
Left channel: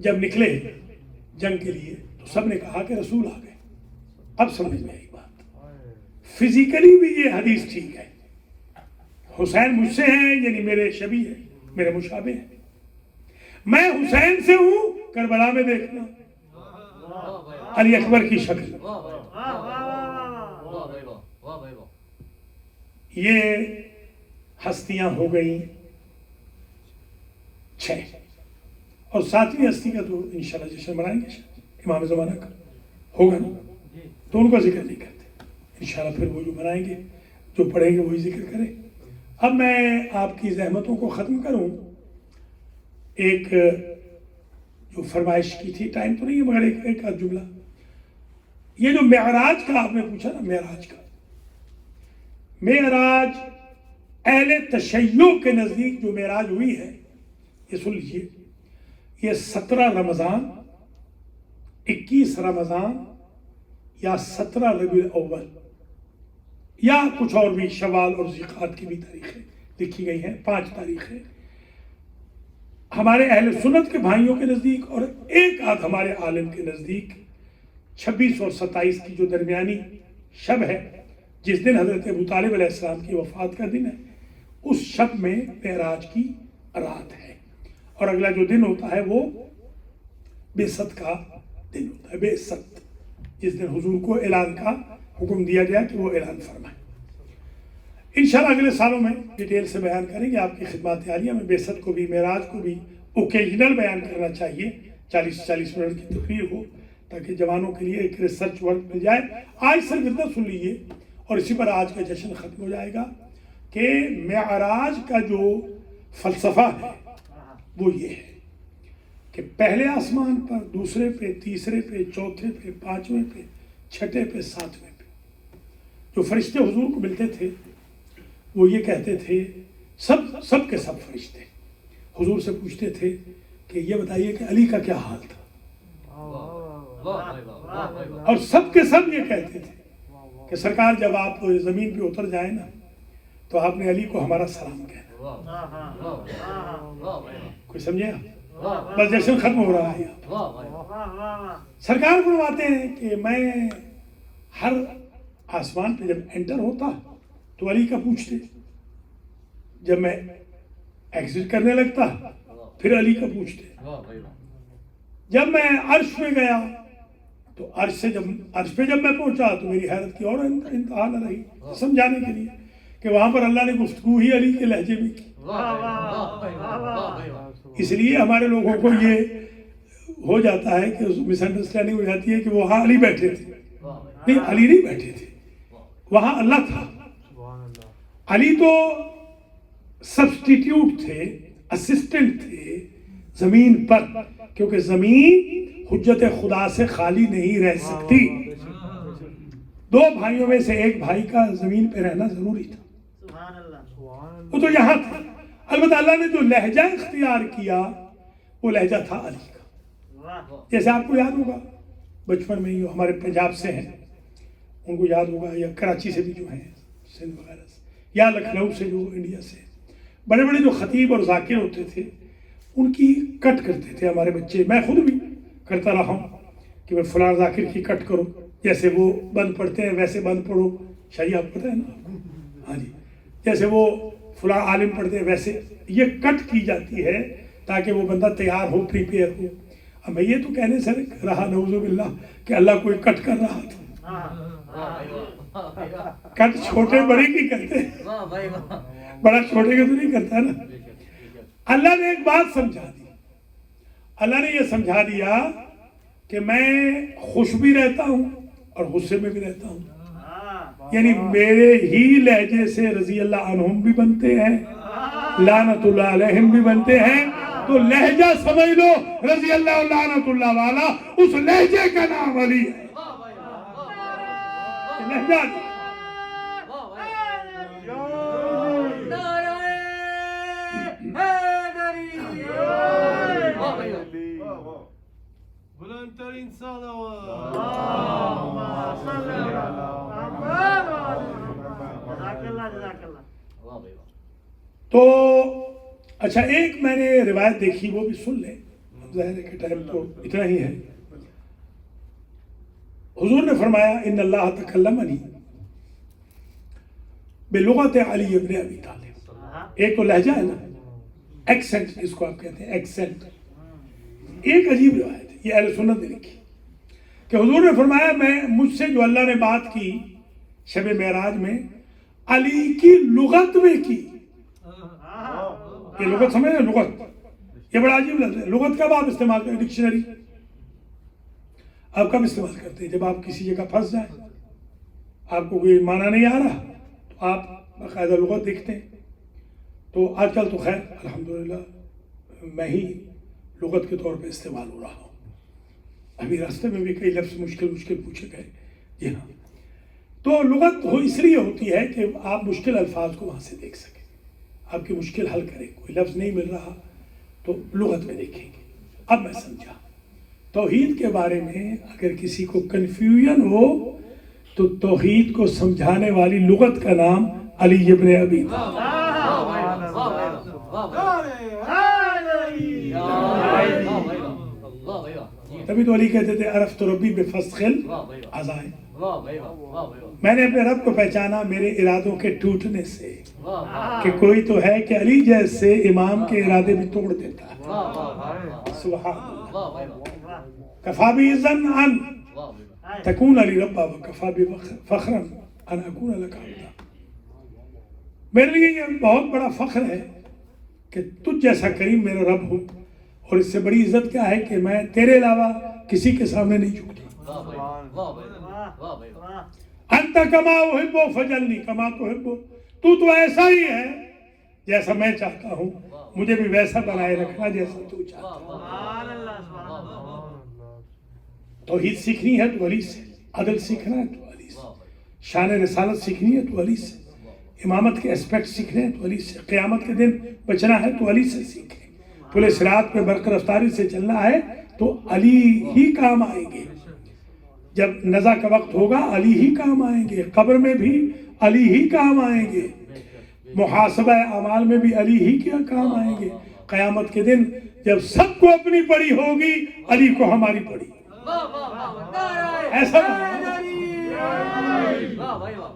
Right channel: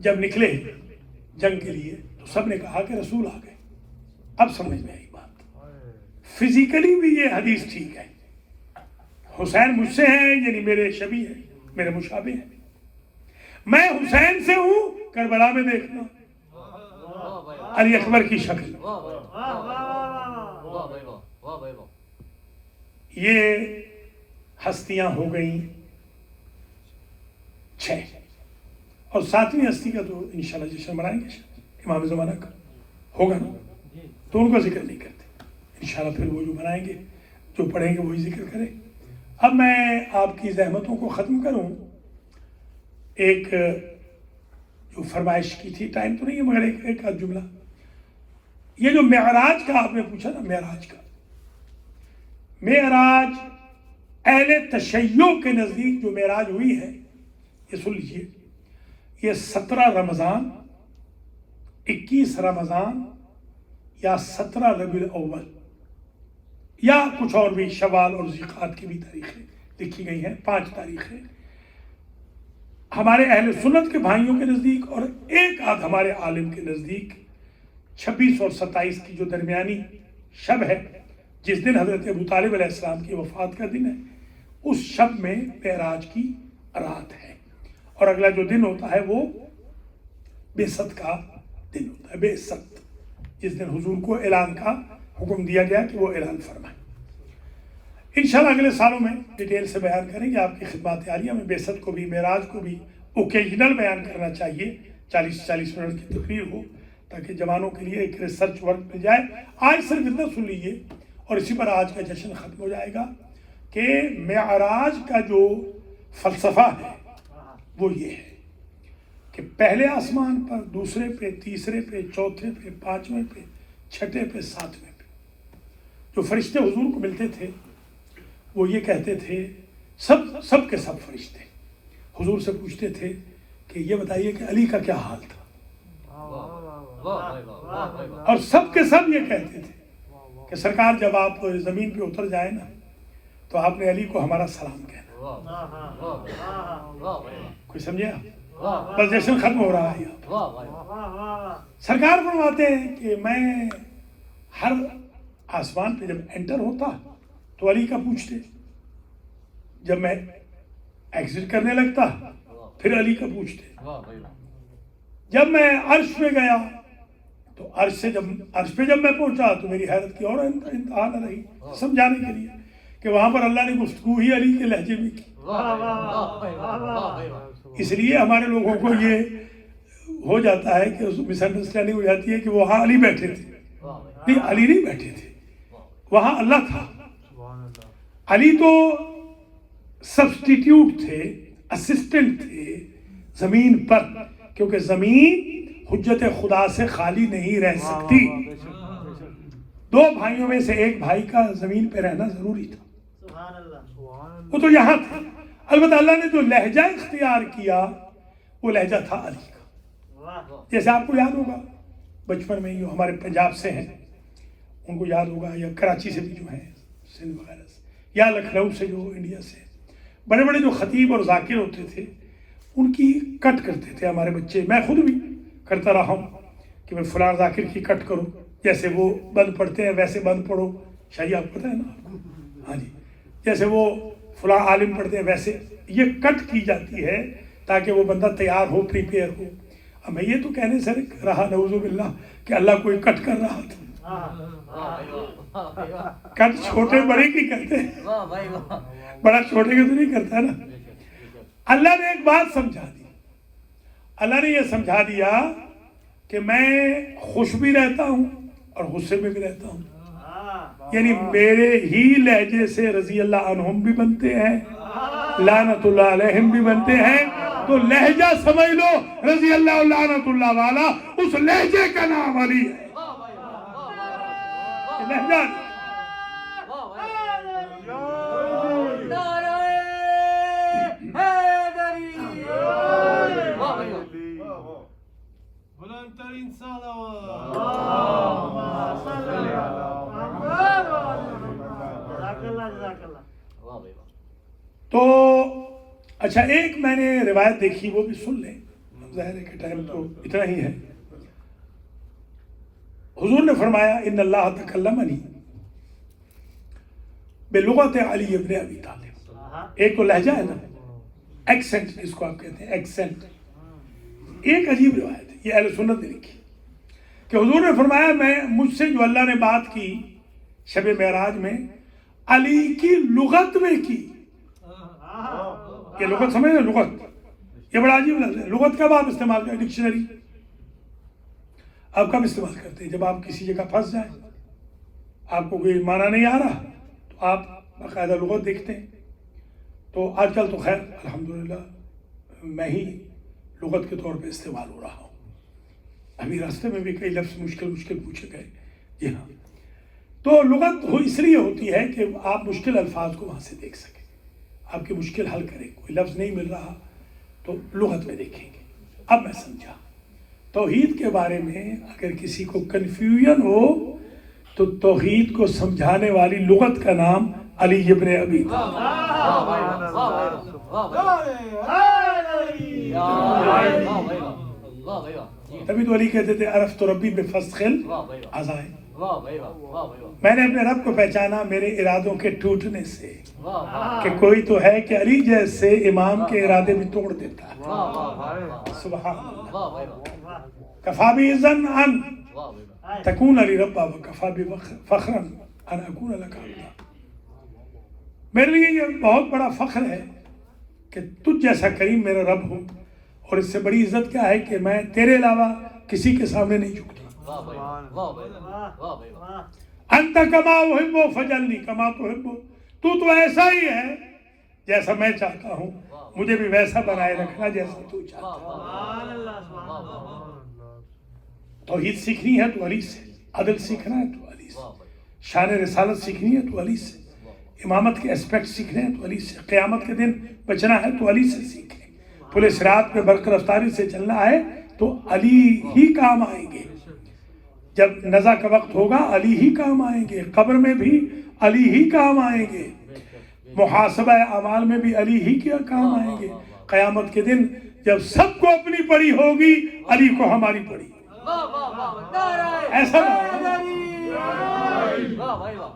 جب نکلے جنگ کے لیے تو سب نے کہا کہ رسول آ گئے۔ اب سمجھ میں آئی بات، فزیکلی بھی یہ حدیث ٹھیک ہے، حسین مجھ سے ہیں یعنی میرے شبیہ ہیں، میرے مشابہ ہیں. میں حسین سے ہوں، کربلا میں دیکھنا علی اکبر کی شکل. یہ ہستیاں ہو گئیں 6، اور 7ویں ہستی کا تو انشاءاللہ جشن منائیں گے امام زمانہ کا ہوگا نا، تو ان کا ذکر نہیں کرتے انشاءاللہ. پھر وہ جو منائیں گے، جو پڑھیں گے وہی ذکر کریں. اب میں آپ کی زحمتوں کو ختم کروں. ایک جو فرمائش کی تھی، ٹائم تو نہیں ہے مگر ایک آدھ جملہ. یہ جو معراج کا آپ نے پوچھا نا، معراج اہل تشیع کے نزدیک جو معراج ہوئی ہے، یہ سن لیجیے، یہ 17 رمضان، 21 رمضان یا 17 ربیع الاول یا کچھ اور بھی، شوال اور ذیقعد کی بھی تاریخیں لکھی گئی ہیں. 5 تاریخیں ہمارے اہل سنت کے بھائیوں کے نزدیک، اور ایک آدھ ہمارے عالم کے نزدیک 26 اور 27 کی جو درمیانی شب ہے، جس دن حضرت ابو طالب علیہ السلام کی وفات کا دن ہے، اس شب میں معراج کی رات ہے. اور اگلا جو دن ہوتا ہے وہ بعثت کا دن ہوتا ہے، بعثت، جس دن حضور کو اعلان کا حکم دیا گیا کہ وہ اعلان فرمائیں. انشاءاللہ اگلے سالوں میں ڈیٹیل سے بیان کریں گے. آپ کی خدمات عالیہ میں بعثت کو بھی، معراج کو بھی اوکیجنل بیان کرنا چاہیے. 40 منٹ کی تقریر ہو تاکہ جوانوں کے لیے ایک ریسرچ ورک مل جائے. آج صرف اتنا سن لیجیے اور اسی پر آج کا جشن ختم ہو جائے گا کہ معراج کا جو فلسفہ ہے وہ یہ ہے کہ پہلے آسمان پر، دوسرے پہ، تیسرے پہ، چوتھے پہ، 5ویں پہ، 6ٹھے پہ، 7ویں پہ جو فرشتے حضور کو ملتے تھے وہ یہ کہتے تھے، سب کے سب فرشتے حضور سے پوچھتے تھے کہ یہ بتائیے کہ علی کا کیا حال تھا، اور سب کے سب یہ کہتے تھے کہ سرکار جب آپ زمین پہ اتر جائیں نا تو آپ نے علی کو ہمارا سلام کہنا. کوئی سمجھے آپ؟ بس جشن ختم ہو رہا ہے. سرکار فرماتے ہیں کہ میں ہر آسمان پہ جب انٹر ہوتا تو علی کا پوچھتے، جب میں ایگزٹ کرنے لگتا پھر علی کا پوچھتے، جب میں عرش پہ گیا تو عرش پہ جب میں پہنچا تو میری حیرت کی اور انتہا نہ رہی، سمجھانے کے لیے کہ وہاں پر اللہ نے گفتگو ہی علی کے لہجے میں کی. اس لیے ہمارے لوگوں کو یہ ہو جاتا ہے کہ مس انڈرسٹینڈنگ ہو جاتی ہے کہ وہاں علی بیٹھے تھے. نہیں، علی نہیں بیٹھے تھے، وہاں اللہ تھا. علی تو سبسٹیٹیوٹ تھے، اسسٹنٹ تھے زمین پر، کیونکہ زمین حجت خدا سے خالی نہیں رہ سکتی. 2 بھائیوں میں سے ایک بھائی کا زمین پہ رہنا ضروری تھا، وہ تو یہاں تھا. البتہ اللہ نے جو لہجہ اختیار کیا وہ لہجہ تھا علی کا. جیسے آپ کو یاد ہوگا بچپن میں ہی ہمارے پنجاب سے ہیں ان کو یاد ہوگا، یا کراچی سے بھی جو ہیں سندھ وغیرہ سے، یا لکھنؤ سے جو انڈیا سے بڑے بڑے جو خطیب اور ذاکر ہوتے تھے ان کی کٹ کرتے تھے ہمارے بچے. میں خود بھی کرتا رہا ہوں کہ وہ فلاں ذاکر کی کٹ کرو، جیسے وہ بند پڑھتے ہیں ویسے بند پڑھو. شاہی آپ پتہ ہے نا؟ ہاں جی، جیسے وہ فلاں عالم پڑھتے ہیں ویسے یہ کٹ کی جاتی ہے تاکہ وہ بندہ تیار ہو، پریپیئر ہو. اب میں یہ تو کہنے سے رہا نعوذ باللہ کہ اللہ کوئی کٹ کر رہا تھا. کٹ چھوٹے بڑے کی کرتے ہیں، بڑا چھوٹے کا تو نہیں کرتا ہے نا. اللہ نے ایک بات سمجھا دی، اللہ نے یہ سمجھا دیا کہ میں خوش بھی رہتا ہوں اور غصے میں بھی رہتا ہوں. یعنی میرے ہی لہجے سے رضی اللہ عنہم بھی بنتے ہیں، لعنت اللہ علیہم بھی بنتے ہیں. تو لہجہ سمجھ لو، رضی اللہ لعنت اللہ والا، اس لہجے کا نام علی ہے. لہجہ بلند ترین صلوات. تو اچھا، ایک میں نے روایت دیکھی وہ بھی سن لیں، ظاہر ہے کہ ٹائم تو اتنا ہی ہے. حضور نے فرمایا ان اللہ تکلمنی بلغت علی ابن ابی طالب. ایک تو لہجہ ہے نا، ایکسنٹ اس کو آپ کہتے ہیں، ایکسنٹ. ایک عجیب روایت ہے، یہ اہل سنت نے لکھی کہ حضور نے فرمایا مجھ سے جو اللہ نے بات کی شب معراج میں، علی کی لغت میں کی. یہ لغت سمجھ رہے؟ لغت یہ بڑا عجیب لفظ ہے. لغت کب آپ استعمال کریں؟ ڈکشنری آپ کب استعمال کرتے ہیں؟ جب آپ کسی جگہ پھنس جائیں، آپ کو کوئی معنی نہیں آ رہا تو آپ باقاعدہ لغت دیکھتے ہیں. تو آج کل تو خیر الحمدللہ میں ہی لغت کے طور پہ استعمال ہو رہا ہوں. ابھی راستے میں بھی کئی لفظ مشکل پوچھے گئے. جی ہاں، تو لغت اس لیے ہوتی ہے کہ آپ مشکل الفاظ کو وہاں سے دیکھ سکیں، آپ کی مشکل حل کریں. کوئی لفظ نہیں مل رہا تو لغت میں دیکھیں گے. اب میں سمجھا توحید کے بارے میں اگر کسی کو کنفیوژن ہو تو توحید کو سمجھانے والی لغت کا نام علی ابن ابی تبھی تو علی کہتے تھے عرفت ربی بفسخ العزائم، میں نے اپنے رب کو پہچانا میرے ارادوں کے ٹوٹنے سے. کہ کوئی تو ہے کہ علی جیسے امام کے ارادے بھی توڑ دیتا ہے. سبحان اللہ. کفا بی اذن ان تکون علی ربا وکفا بی فخرا ان اکون لک عبدا. میرے لیے یہ بہت بڑا فخر ہے کہ تجھ جیسا کریم میرا رب ہو، اور اس سے بڑی عزت کیا ہے کہ میں تیرے علاوہ کسی کے سامنے نہیں جھکتی. انت کما احب فجلنی کما تحب، تو ایسا ہی ہے جیسا میں چاہتا ہوں، مجھے بھی ویسا بنائے رکھنا جیسا تو چاہتا ہے. توحید سیکھنی ہے تو علی سے، عدل سیکھنا ہے تو علی سے، شان رسالت سیکھنی ہے تو علی سے، امامت کے اسپیکٹ سیکھنے ہیں تو علی سے، قیامت کے دن بچنا ہے تو علی سے سیکھیں. پورے صراط پہ برق رفتاری سے چلنا ہے تو علی ہی کام آئیں گے. جب نزا کا وقت ہوگا علی ہی کام آئیں گے، قبر میں بھی علی ہی کام آئیں گے، محاسبہ اعمال میں بھی علی ہی کیا کام آئیں گے. قیامت کے دن جب سب کو اپنی پڑی ہوگی علی کو ہماری پڑی. ایسا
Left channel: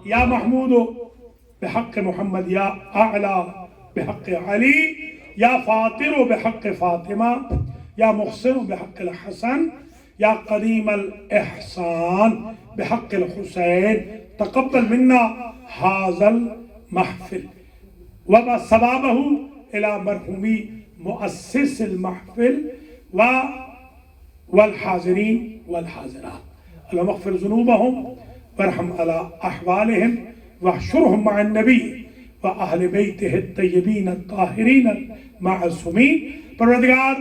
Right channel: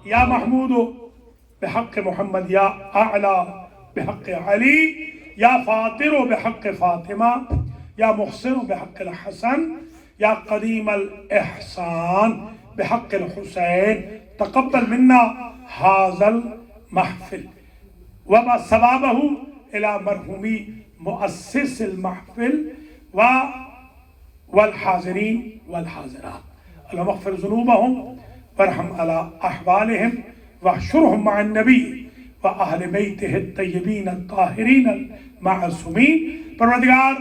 یا محمود بحق محمد، یا اعلی بحق علی، یا فاطر بحق فاطمہ، یا محسن بحق الحسن، یا قدیم الاحسان بحق الحسین، تقبل منا هذا المحفل وما ثوابه الى مرحومی مؤسس المحفل والحاضرین والحاضرات. اللهم اغفر ذنوبهم وارحم على احوالهم واحشرهم مع النبی واہل بیتہ الطیبین الطاہرین المعصومین. پروردگار